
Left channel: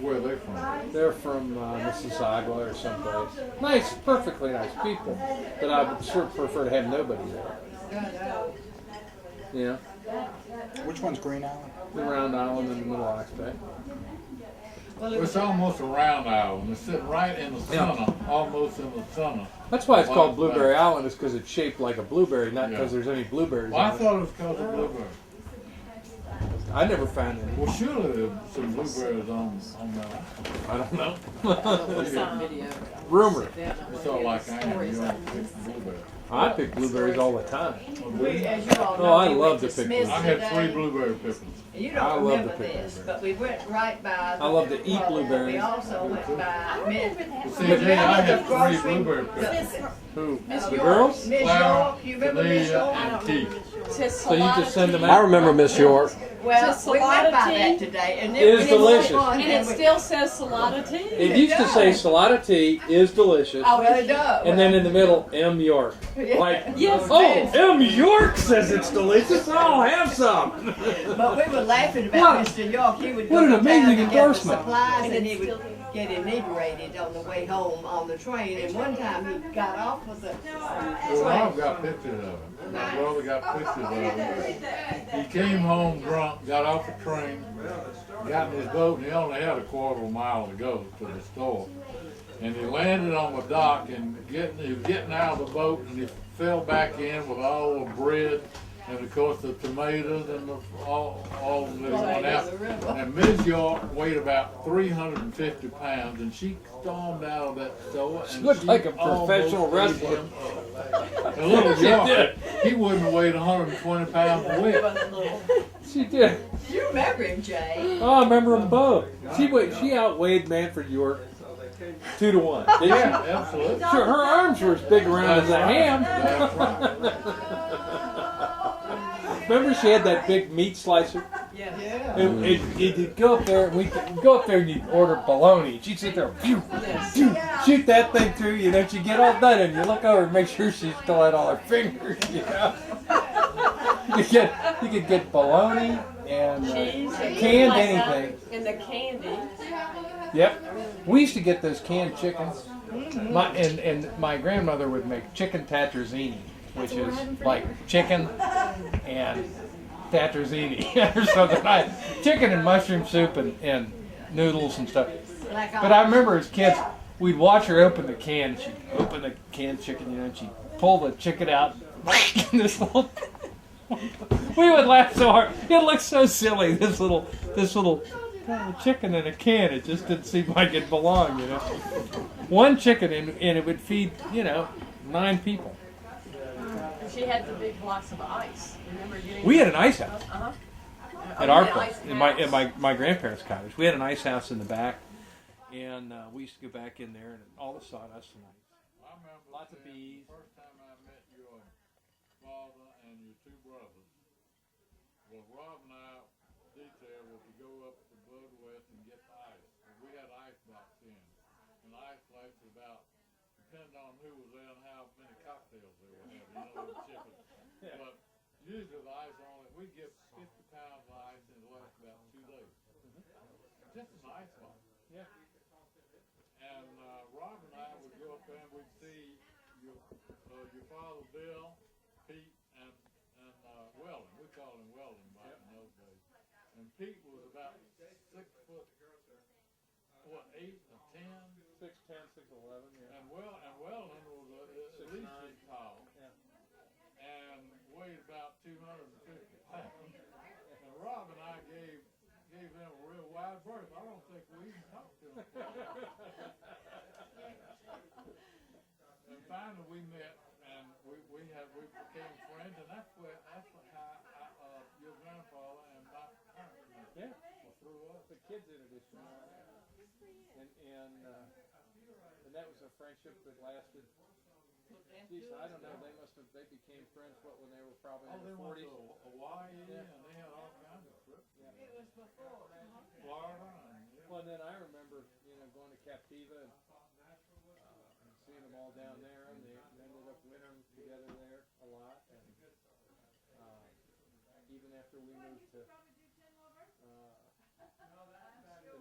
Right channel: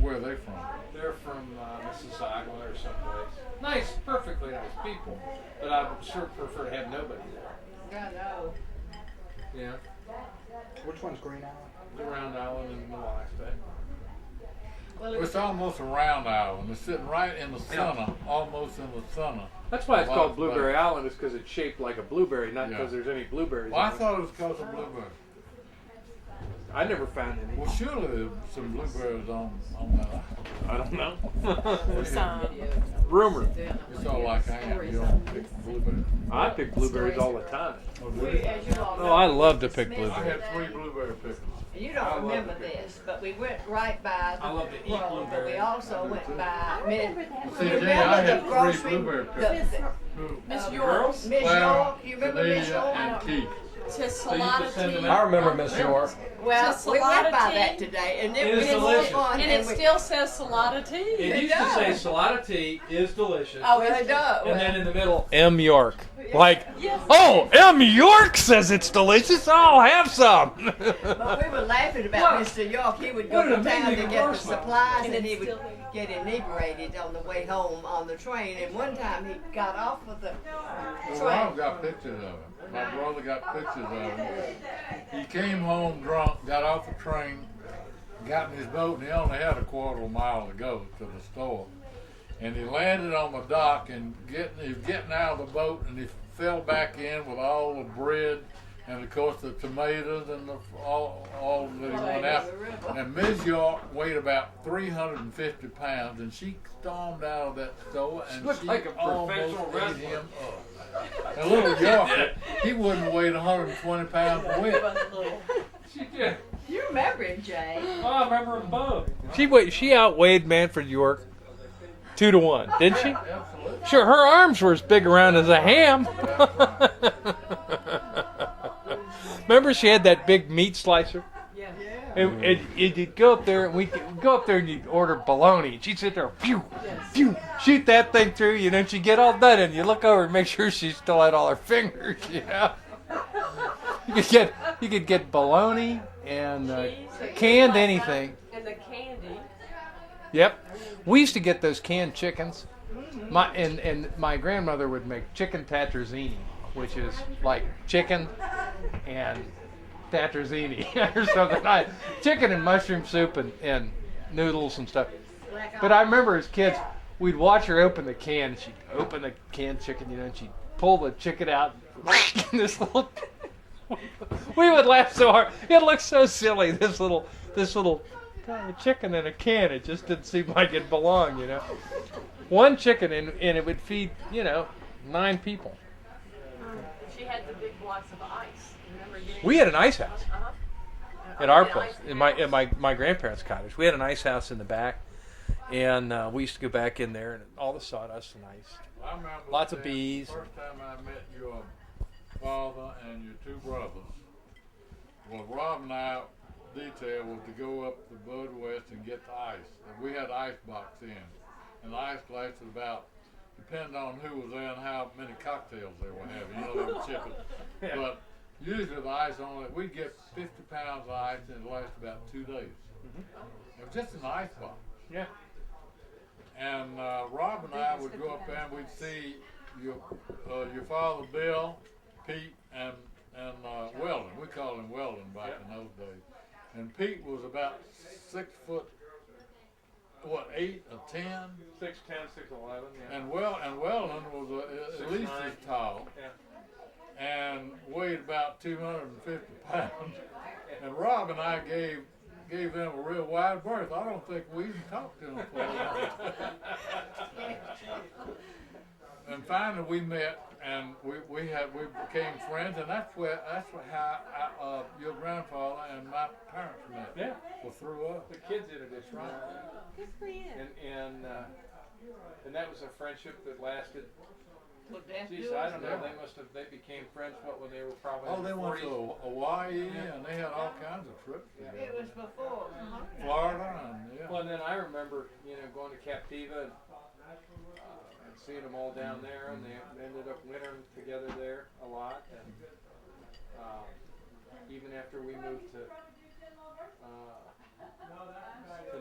Where are they from? They're from Mississauga or someplace. Nice, perfectly nice people, but I would sure prefer to have nobody there. I know. You know, Which one's Green Island? the round island in the middle of Ox Bay. Well, It's almost a round island. It's sitting right in the center, almost in the center. That's why it's Wow, called Blueberry nice. Island, is because it's shaped like a blueberry, not Yeah. because there's any blueberries Well, I on it. thought it was because of blueberry. I never found any. Well, surely there's some blueberries on that island. I don't know. Yeah. Rumor. It's all like I am. You don't pick blueberries. I pick blueberries all the time. as you all know, Oh, I we love went to pick Smith's I had today. 3 blueberry pickles. You I don't love remember to pick this, blueberries. but we went right by. I love to eat well, blueberries. We also went by Miss. See, Jay, I had 3 blueberry pickles. Who? Miss The York. girls? Miss Clara, York. You remember Miss Cornelia, York? and Keith. So you just send them I out? remember Miss York. Well, Just we salada went by tea? that today, and It is was delicious. fun, And it we- still says salada tea. It used to say Salada Tea is delicious. Oh, it does. And then in the middle, M. York. Like, Yes. oh, M. York says it's delicious. I'll have some. But we were laughing about What? Mr. York. He would What go an to town amazing to get the endorsement. supplies, and he would still- get inebriated on the way home on the train. And one time he got off of the Well, Rob got pictures of it. My brother got pictures of it. He came home drunk, got off the train, got in his boat, and he only had a quarter of a mile to go to the store. And he landed on the dock, and he was getting out of the boat, and he fell back in with all the bread, and of course the tomatoes and all that he went out. And Ms. York weighed about 350 pounds, and she stormed out of that store, and Looked she like a professional almost ate wrestler. him up. And little York, he wouldn't have weighed 120 pounds a week. She did. You remember him, Jay? Oh, I remember them both. She outweighed Manfred York 2-1, didn't she? Yeah, absolutely. Sure, her arms were as big around as a ham. That's right. Remember, she had that big meat slicer. Yeah. And you'd go up there, and we'd go up there, and you'd order bologna. She'd sit there, phew, phew, shoot that thing through, you know. She'd get all done, and you look over and make sure she still had all her fingers, you know. You could get bologna and canned anything. And the candy. Yep. We used to get those canned chickens. And my grandmother would make chicken tatterzini, which is like chicken and tatterzini or something. Chicken and mushroom soup and noodles and stuff. But I remember as kids, we'd watch her open the can. She'd open the canned chicken, you know, and she'd pull the chicken out. And this little, we would laugh so hard. It looked so silly. This little chicken in a can. It just didn't seem like it belonged, you know. One chicken and it would feed, 9 people. She had the big blocks of ice. Remember getting? We had an ice house at Oh, our yeah, place, ice in my house. my grandparents' cottage. We had an ice house in the back, and we used to go back in there and all the sawdust and ice. I remember Lots of the bees. First time I met your father and your 2 brothers. Well, Rob and I detail was to go up to Bud West and get the ice. And we had ice box in, and the ice lasted about, depending on who was there and how many cocktails they were having. They were chipping. But Usually the ice only, we get 50 pounds of ice and it lasts about 2 days. It was just an ice box. Yeah. And Rob and I would go up there and we'd see your father Bill, Pete, and Weldon. We called him Weldon back in those days. And Pete was about 6 foot, 8 or 10, 6'10", 6'11", yeah. and Weldon was at least 6'9". as tall. Yeah. And weighed about 250 pounds. And Rob and I gave them a real wide berth. I don't think we even talked to them for a long time. And finally we met, and we became friends, and that's how your grandfather and my parents met. Yeah. Well, through us. The kids introduced me. Good for you. And that was a friendship that lasted. Well, Dad, Geez, do I it. don't know. They became friends when they were probably in They their went 40s. to Hawaii, and they had all kinds of trips Yeah. together. It was before. Florida, and yeah. Well, and then I remember, going to Captiva and seeing them all down there, and they ended up wintering together there a lot. And even after we moved to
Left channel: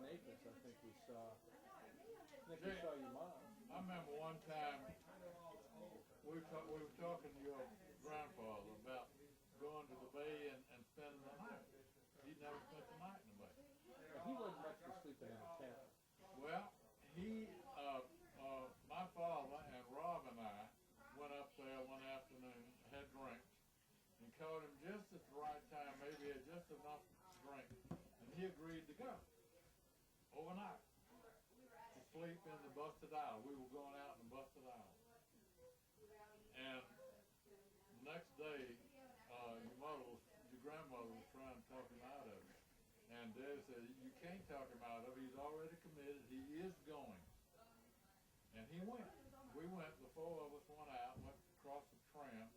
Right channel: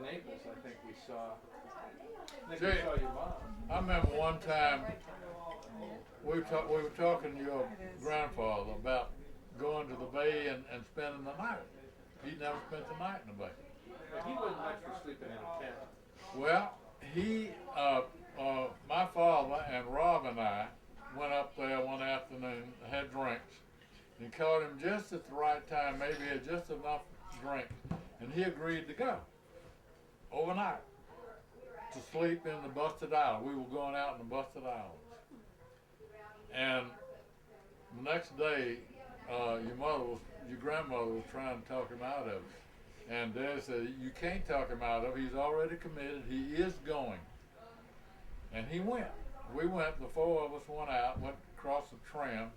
Naples, I think we saw your mom. I remember one time we were talking to your grandfather about going to the bay and spending the night. He'd never spent the night in the bay. But he wasn't much for sleeping in a tent. Well, my father and Rob and I went up there one afternoon, had drinks, and caught him just at the right time. Maybe he had just enough drink, and he agreed to go overnight to sleep in the Busted Island. We were going out in the Busted Islands, and the next day, your grandmother was trying to talk him out of it. And Dad said, you can't talk him out of it. He's already committed. He is going. And he went. We went, the four of us went out, went across the tram,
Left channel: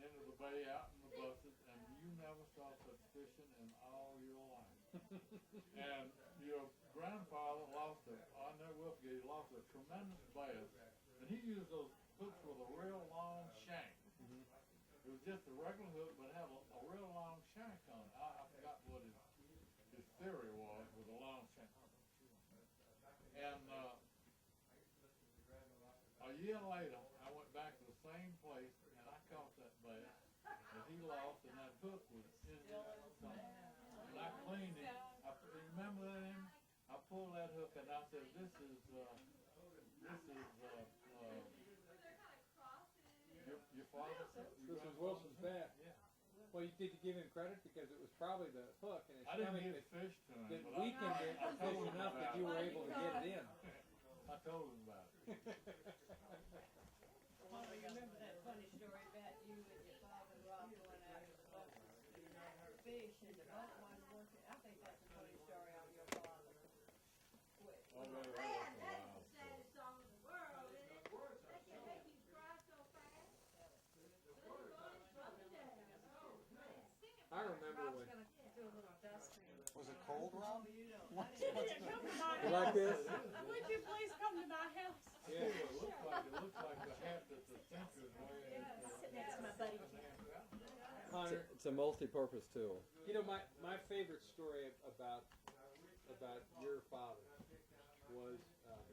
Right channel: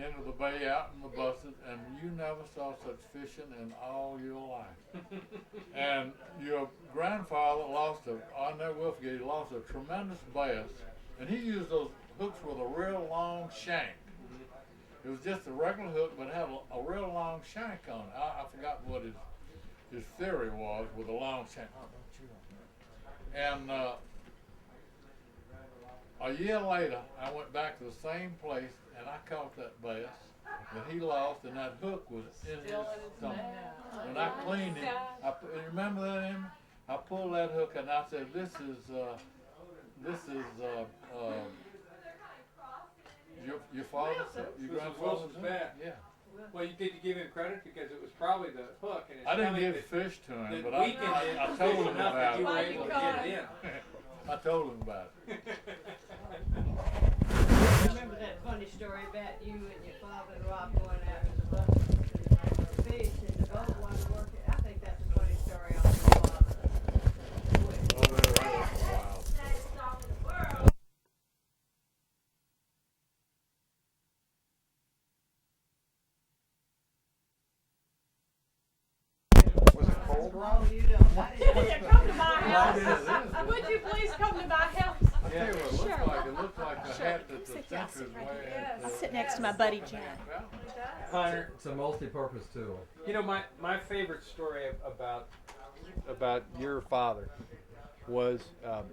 into the bay, out in the Busted, and you never saw such fishing in all your life. And your grandfather I'll never will forget, he lost a tremendous bass, and he used those hooks with a real long shank. It was just a regular hook, but it had a real long shank on it. I forgot what his theory was with a long shank. And a year later, I went back to the same place, and I caught that bass that he lost, and that hook was in his stomach. And I cleaned it. You remember that, Amy? I pulled that hook, and I said, this is your father's, your grandfather's Wilson's bat. Yeah. Well, did you give him credit because it was probably the hook and his I didn't stomach give fish to him, that but I weakened it told him enough that about you were it. able to get it in. I told him about it. Remember that funny story about you and your father and Rob going out to the boat to fish and the boat wanted to work it? I think that's a funny story on your father. Oh, they were there for a while. I remember when. Was it cold, Rob? You don't. I didn't. Yeah, come to my Yeah, house. it is. Would you please come to my house? I tell you what, it looks like a hat that the Sit down, Century's sit right wearing. here. at I'll the- sit next to my buddy Jack. Hunter, It's a multi-purpose tool. my favorite story about your father was,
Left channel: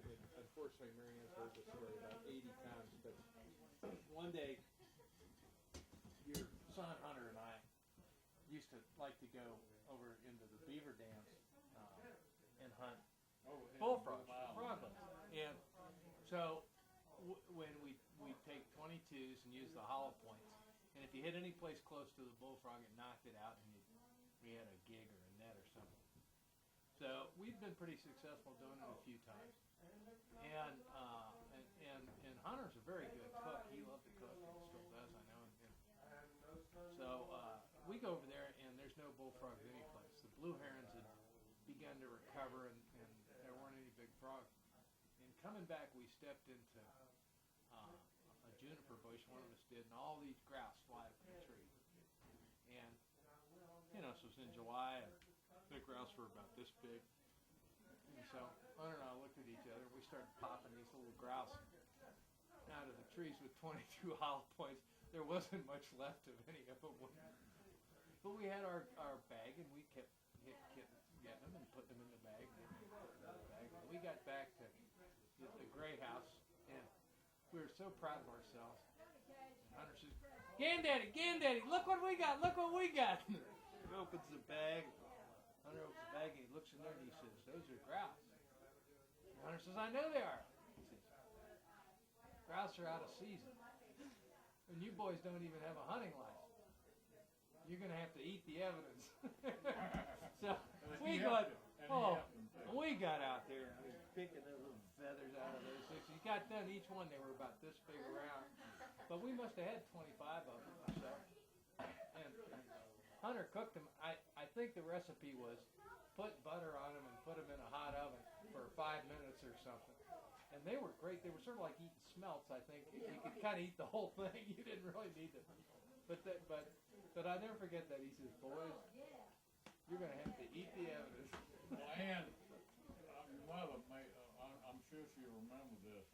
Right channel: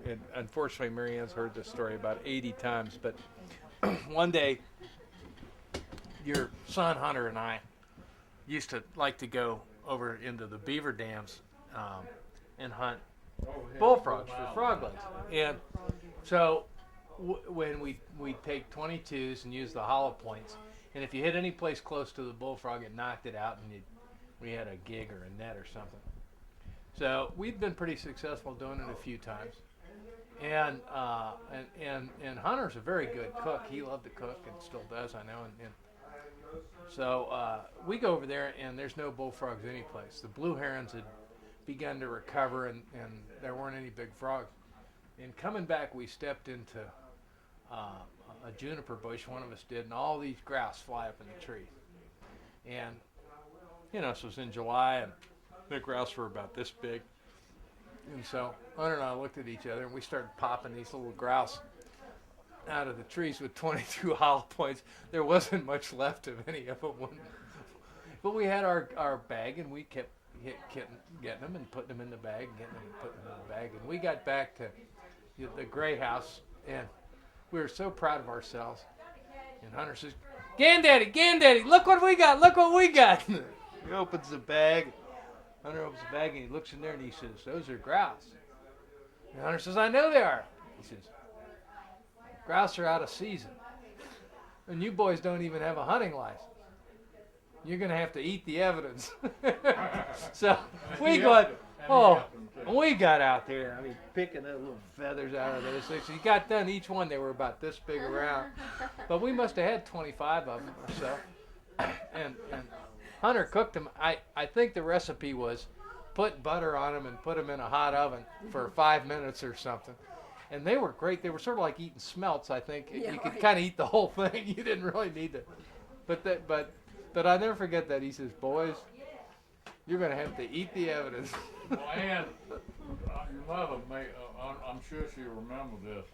and unfortunately Mary Ann's heard this story about 80 times, but one day your son Hunter and I used to like to go over into the beaver dams and hunt bullfrogs for frog legs. And so when we take 22s and use the hollow points, and if you hit any place close to the bullfrog, it knocked it out, and we had a gig or a net or something. So we've been pretty successful doing it a few times. And Hunter's a very good cook. He loved to cook and still does, I know. And so we go over there, and there's no bullfrogs anyplace. The blue herons had begun to recover, and there weren't any big frogs. And coming back, we stepped into a juniper bush, one of us did, and all these grouse fly up in the tree. And, so it was in July, and the grouse were about this big. And so Hunter and I looked at each other, and we started popping these little grouse out of the trees with 22 hollow points. There wasn't much left of any of them. But we had our bag, and we kept getting them and putting them in the bag, getting them and putting them in the bag. And we got back to the Gray House, and we were so proud of ourselves. And Hunter says, Granddaddy, look what we got, look what we got. He opens the bag. Hunter opens the bag, and he looks in there, and he says, those are grouse. And Hunter says, I know they are. He says, grouse are out of season. And you boys don't even have a hunting license. You're going to have to eat the evidence. So we got out there, I mean, picking the little feathers out of those things. He got done, each one, they were about this big around. But we must have had 25 of them or so. And Hunter cooked them. I think the recipe was put butter on them and put them in a hot oven for 5 minutes or something. And they were great. They were sort of like eating smelts, I think. Yeah, you could right. kind of eat the whole thing. You didn't really need to. But I never forget that. He says, boys, you're going to have to eat the evidence. Well, and your mother I'm sure she remembered this.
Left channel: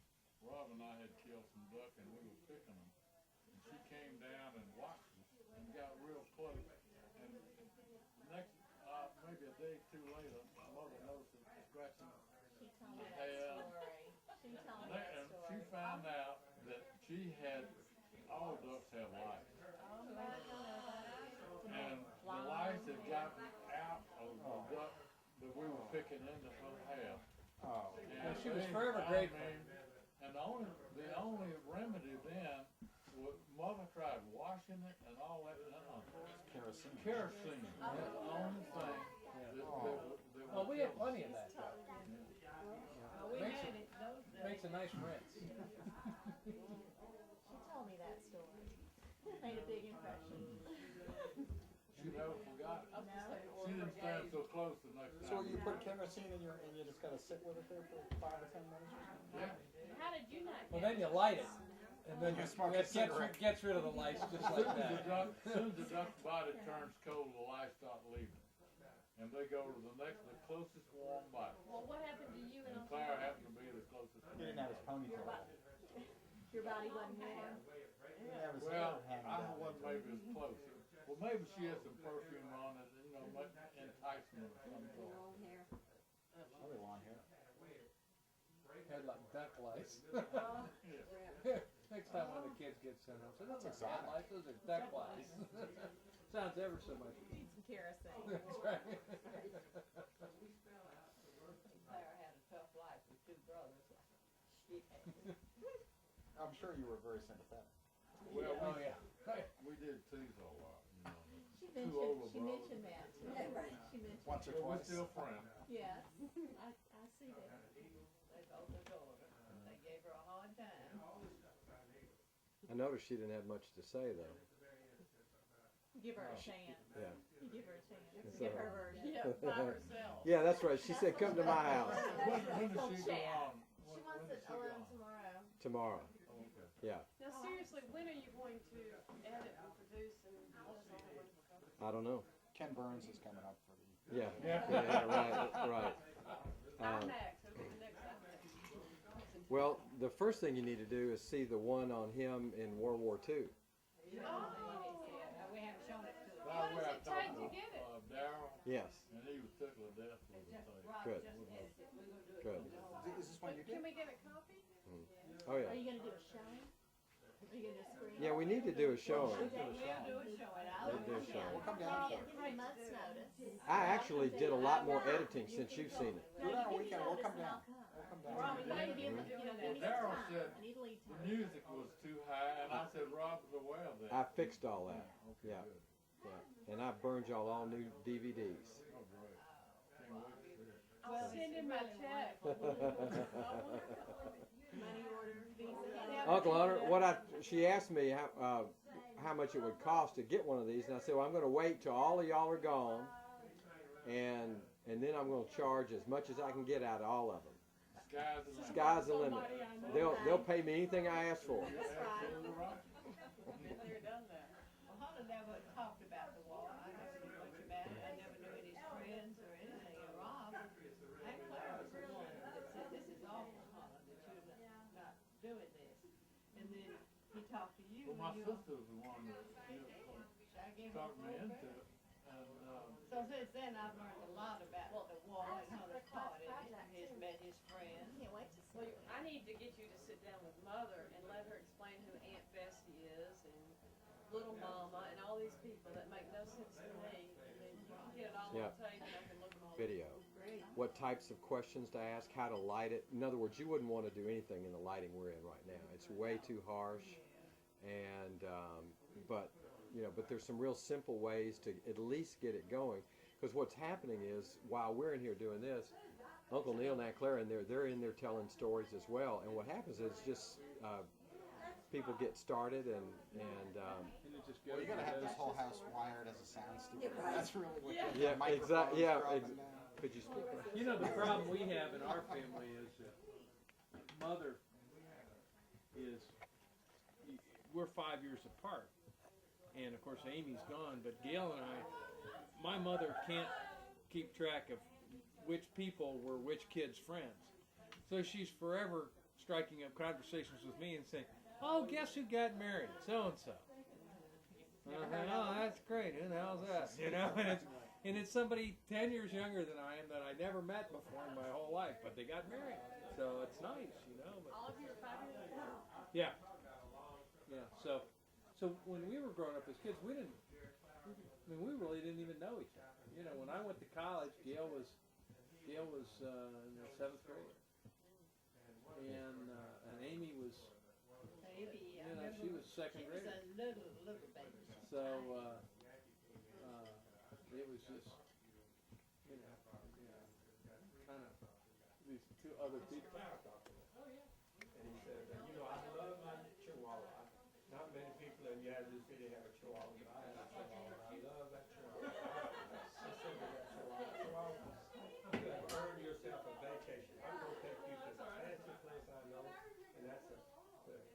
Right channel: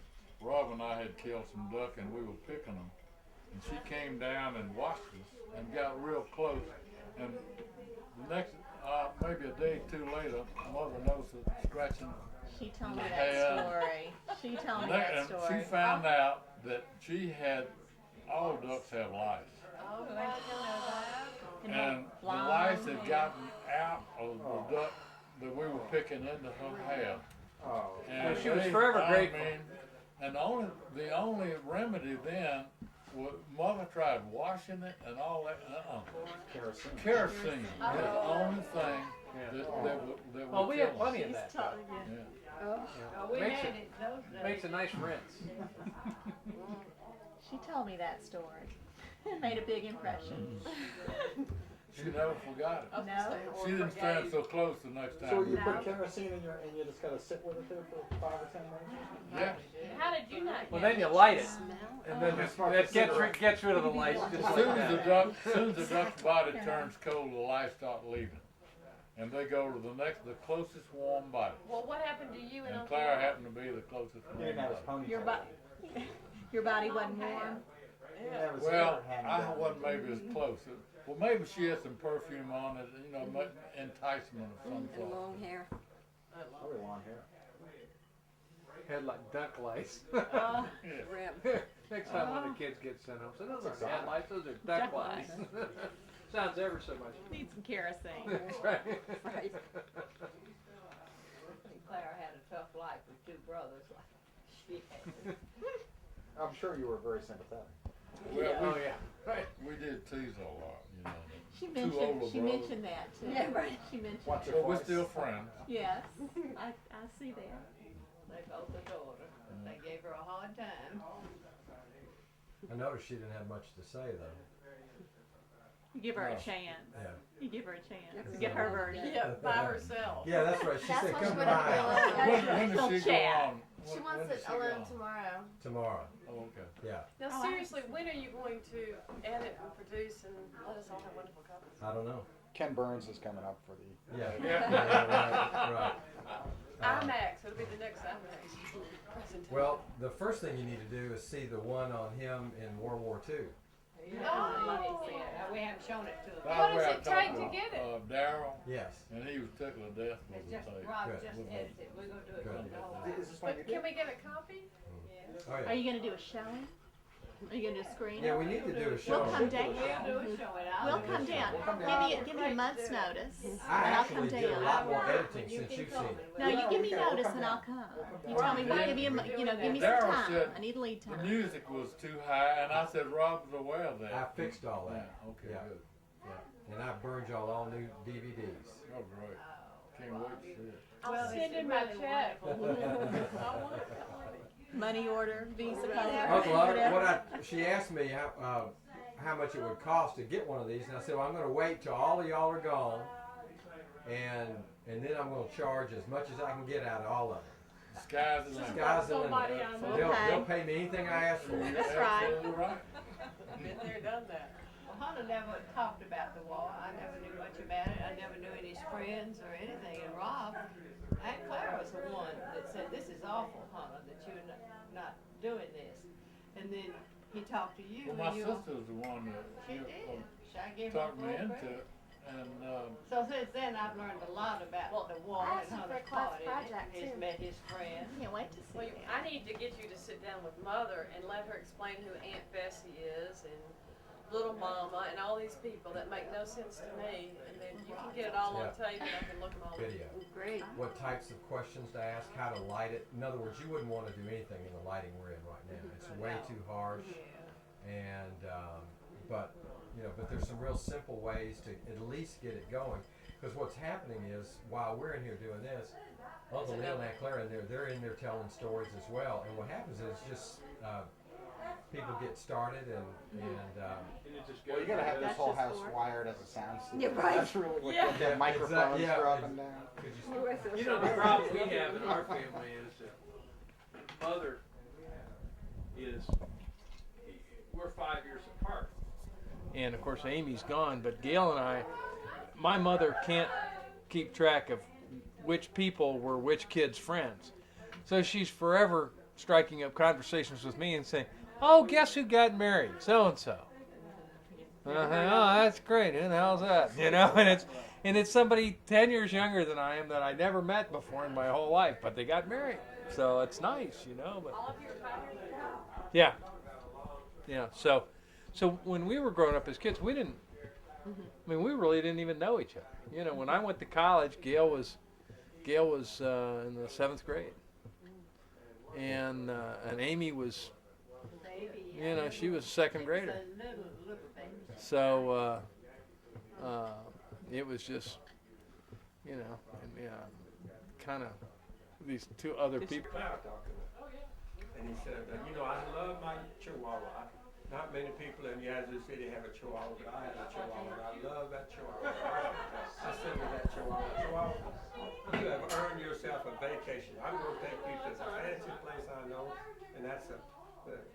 Rob and I had killed some duck, and we were picking them. And she came down and watched us and got real close. And the next, maybe a day or two later, mother noticed a scratching. She told me Yeah. that story. She told me And that story. she found out that she had, all ducks have lice. Oh, I didn't know that. And the lice had gotten out of the duck that we were picking into her hair. Oh. And Well, she was they- forever I grateful. mean, and the only remedy then was mother tried washing it and all that. Kerosene. Kerosene was the only thing that would Well, we had kill plenty them. of that stuff. Yeah. Oh, we Makes made it- it those days. Makes a nice rinse. She told me that story. It made a big impression. She never forgot it. No. She didn't stand so close the next time. So you No. put kerosene in and you just gotta sit with it there for 5 or 10 minutes? Yeah. How did you not Well, get then you light it, Smell? and then Just smoke that a cigarette. gets rid of the lice just As like soon as that. the duck's body turns cold, the lice start leaving. And they go to the closest warm body. Well, what happened to you And Clara happened to be the closest He didn't have his warm body. Your ponytail. Your body wasn't warm. He didn't have his Well, hair hanging I down. wasn't maybe as close. Well, maybe she had some perfume on it, enticement of some sort. Long hair. Probably long hair. Had like duck lice. Oh, Yeah. Next time when the kids get sent home, say those That's are cat exotic. lice, those are duck Duck lice. Sounds ever so much. need some kerosene. That's right. Right. Clara had a tough life with 2 brothers like she had. I'm sure you were very sympathetic. Well, Oh yeah. Right. we did tease a lot, She Two older mentioned brothers. that too. Yeah, right. She mentioned. Once or But we're twice. still friends. Yes, I see that. They both adored her. They gave her a hard time. I noticed she didn't have much to say though. You give her No. a chance. Yeah. You give her a chance. Get her version. Yeah, by herself. Yeah, that's right. She That's said, what come she by wanted When They'll does she go chat. on? She When wants does it she go alone on? tomorrow. tomorrow. Oh, okay. Yeah. Now, Oh, I seriously, when are you going to edit and produce and let us all have wonderful copies? I don't know. Ken Burns is coming up for the. Yeah. Yeah. Right. IMAX, it'll be the next IMAX presentation. Well, the first thing you need to do is see the one on him in World War II. Oh. We haven't shown it to her. That's What does where I it take talked to get it? Darryl, Yes. and he was tickled to death with It's the just, tape. Rob Good. just With edited it. We're gonna do it Good. from the whole. Is this one But you can did? we get a copy? Oh, Are yeah. you gonna do a showing? Are you gonna do a screening? Yeah, we need to do a show. We'll come down. We'll do a show it out. We'll come down. We'll come down. Give me a month's notice, and I I'll actually come did a down. lot more editing since you've seen it. No, you Yeah, give we me can- we'll notice come and down. I'll come. We'll come You down. tell me, Well, give me give me some Darryl time. said I need a lead The time. music was too high, and I said Rob was aware of I that. fixed all that. Yeah, okay, Yeah. good. Yeah. And I burned y'all all new DVDs. Oh, great. Can't wait to see it. I'll send in my check. I want it. Money order, Visa card, Uncle Otter, whatever. she asked me how much it would cost to get one of these, and I said, well, I'm going to wait till all of y'all are gone, and then I'm going to charge as much as I can get out of all of them. The sky's the limit. Sky's the Somebody limit. I know. They'll pay me anything I ask for. That's right. Absolutely right. Been there, done that. Well, Hunter never talked about the war. I never knew much about it. I never knew any of his friends or anything. And Rob, Aunt Clara was the one that said, "This is awful, Hunter, that you're not doing this." he talked to you, Well, my and you. sister was the one that She did. I gave her talked me full into credit. it, and So since then, I've learned a lot about the wall I and asked how you they for a class caught it. project, He's too. met his friend. Can't wait to see Well, it. I need to get you to sit down with Mother and let her explain who Aunt Bessie is and Little Mama and all these people that make no sense to me. And then you can get it all on Yeah. tape and I can look them all up. Video. Great. What types of questions to ask, how to light it. In other words, you wouldn't want to do anything in the lighting we're in right now. It's way too harsh. And, but there's some real simple ways to at least get it going. Because what's happening is, while we're in here doing this, Uncle Neil and Aunt Claire in there, they're in there telling stories as well. And what happens is just, people get started and Well, you gotta have this whole house wired as a sound studio. Yeah, right. That's really what Yeah. you have microphones Yeah, for up and down. could you You know, the problem we have in our family is that Mother is, we're 5 years apart. And of course, Amy's gone, but Gail and I, my mother can't keep track of which people were which kid's friends. So she's forever striking up conversations with me and saying, "Oh, guess who got married? So and so." And I think, "Oh, that's great. Who the hell's that?" You know, and it's somebody 10 years younger than I am that I never met before in my whole life, but they got married. So it's nice, you know. But All of you are 5 years apart. yeah, yeah. So when we were growing up as kids, we didn't. I mean, we really didn't even know each other. You know, when I went to college, Gail was in the 7th grade, and Amy was, you know, she was a 2nd grader. So it was just, you know, kind of these two other people. And he said, I love my Chihuahua. Not many people in Yazoo City have a Chihuahua, but I have a Chihuahua, and I love that Chihuahua. I said to that Chihuahua, you have earned yourself a vacation. I'm going to take you to the fancy place I know, and that's the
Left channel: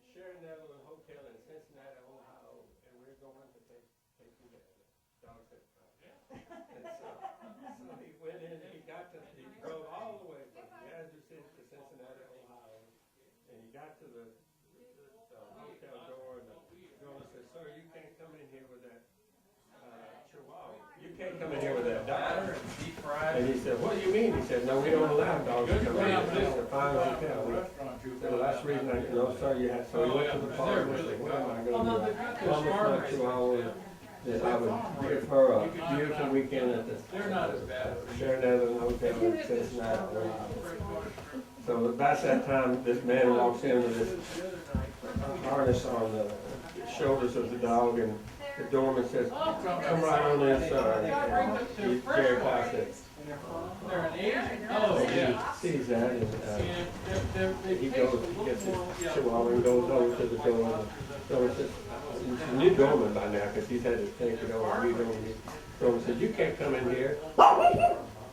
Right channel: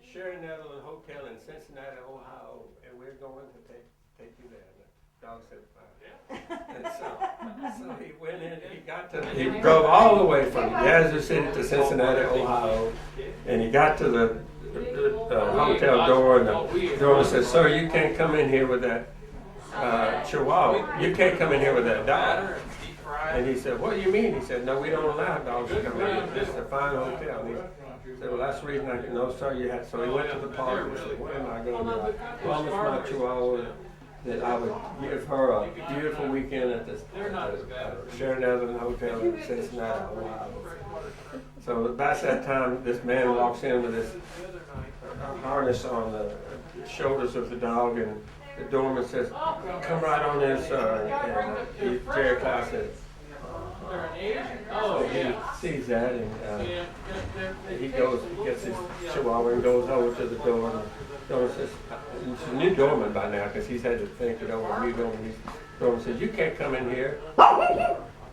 Sherry Netherland Hotel in Cincinnati, Ohio, and we're going to take you there. The dog said, fine. And so he went in, he drove all the way from Yazoo City to Cincinnati, Ohio, and he got to the hotel door, and the doorman said, "Sir, you can't come in here with that Chihuahua. You can't come in here with that dog." And he said, "What do you mean?" He said, "No, we don't allow dogs to come in. This is a fine hotel." And he said, "Well, that's the reason I know, sir, you have." So he went to the parlor and said, "What am I going to do? I promised my Chihuahua that I would give her a beautiful weekend at the Sherry Netherland Hotel in Cincinnati, Ohio." So about that time, this man walks in with this harness on the shoulders of the dog, and the doorman says, "Come right on in, sir." And Jerry Clough said, oh, he sees that, and he gets his Chihuahua and goes over to the door. And the doorman says, he's a new doorman by now, because he's had to think it over. New doorman. The doorman says, "You can't come in here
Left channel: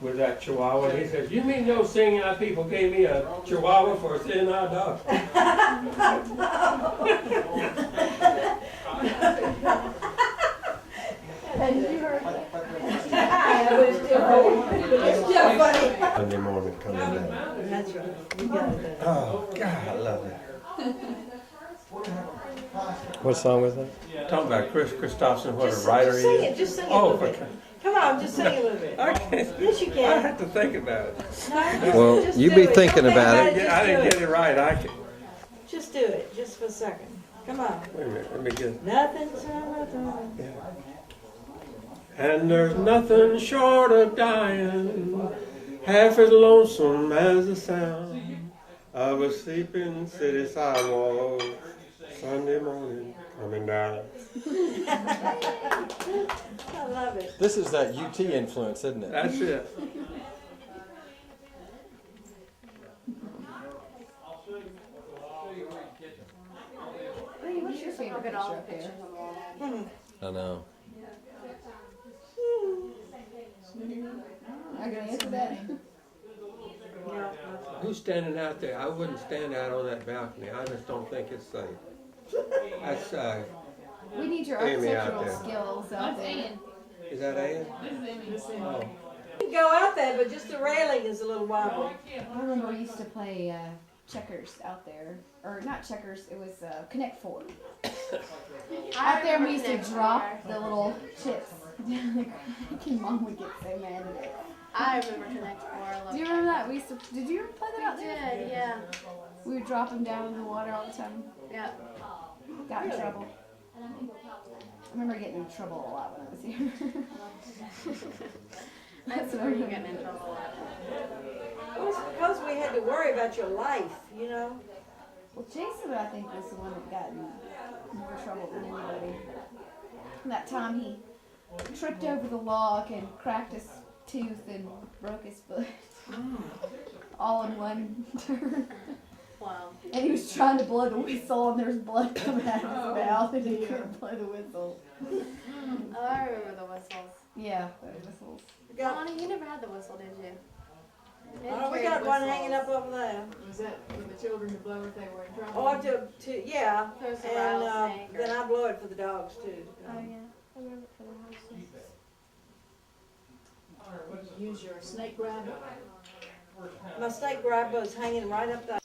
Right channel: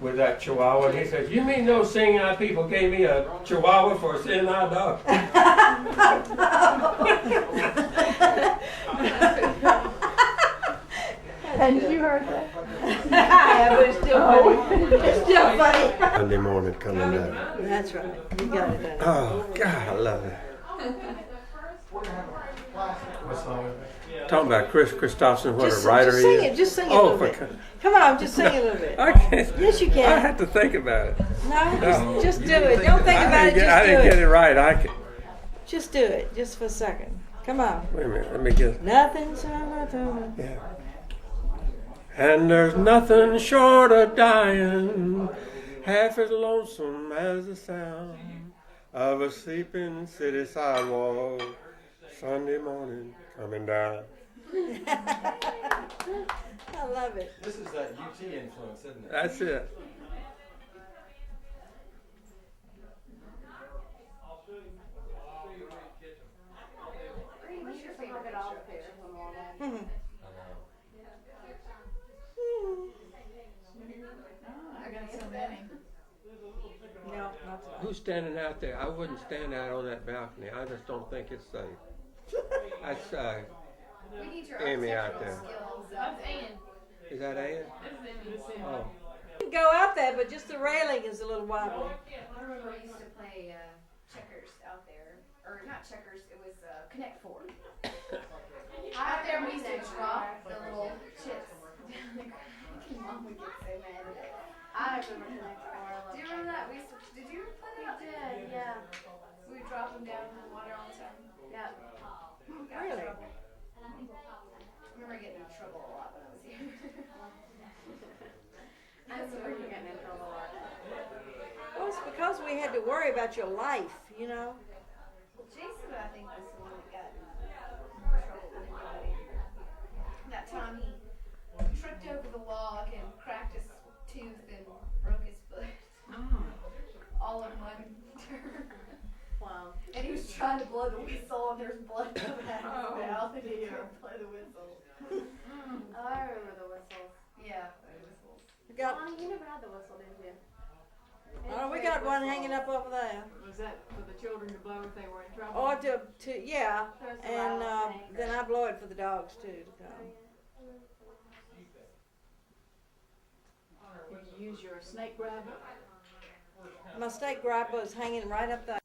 with that Chihuahua." And he says, "You mean those seeing eye people gave me a Chihuahua for a seeing eye dog?" And you heard that? Yeah, but it's still funny. It's still funny. Monday morning coming down. That's right. You got it. Oh, God, I love it. What song was that? Talking about Chris Christopherson, what a writer just he sing is. it. Just sing it a Oh, little for bit. God. Come on, just sing a little bit. I can't. Yes, you I can. have to think about it. No, just you do be it. thinking Don't think about it. Just I do didn't it. get it right. I can. Just do it, just for a second. Come on. Wait a minute. Let me get. Nothing's wrong. Yeah. And there's nothing short of dying, half as lonesome as the sound of a sleeping city sidewalk, Sunday morning coming down. I love it. This is that UT influence, isn't it? That's it. What's your favorite picture up there? I know. I can answer that. Who's standing out there? I wouldn't stand out on that balcony. I just don't think it's safe. That's We need your Amy out architectural there. skills up there. Is that Ann? Oh. You can go out there, but just the railing is a little wobbly. I remember we used to play Checkers out there, or not Checkers, it was Connect Four. Out there we used to drop the little chips down the crack, and Mom would get so mad at it. I remember Connect Four. I love Do you remember that? We used to. Did you ever play that out We there? did, yeah. We would drop them down in the water all the time. Yeah. Got in trouble. I remember getting in trouble a lot when I was here. I remember you getting in trouble a lot. Well, it's because we had to worry about your life, you know? Well, Jason, I think, was the one that got in more trouble than anybody. That time he tripped over the log and cracked his tooth and broke his foot. All in one turn. Wow. And he was trying to blow the whistle, and there was blood coming out of his mouth, and he couldn't blow the whistle. Oh, I remember the whistles. Yeah, the whistles. We got, Lonnie, you never had the whistle, did you? oh, we got one hanging up over there. Was that for the children to blow if they were in trouble? Oh, yeah, There's a and rattlesnake. then I blow it for the dogs too. Oh, yeah. I remember for the rattlesnake. Use your snake grabber. My snake grabber is hanging right up there.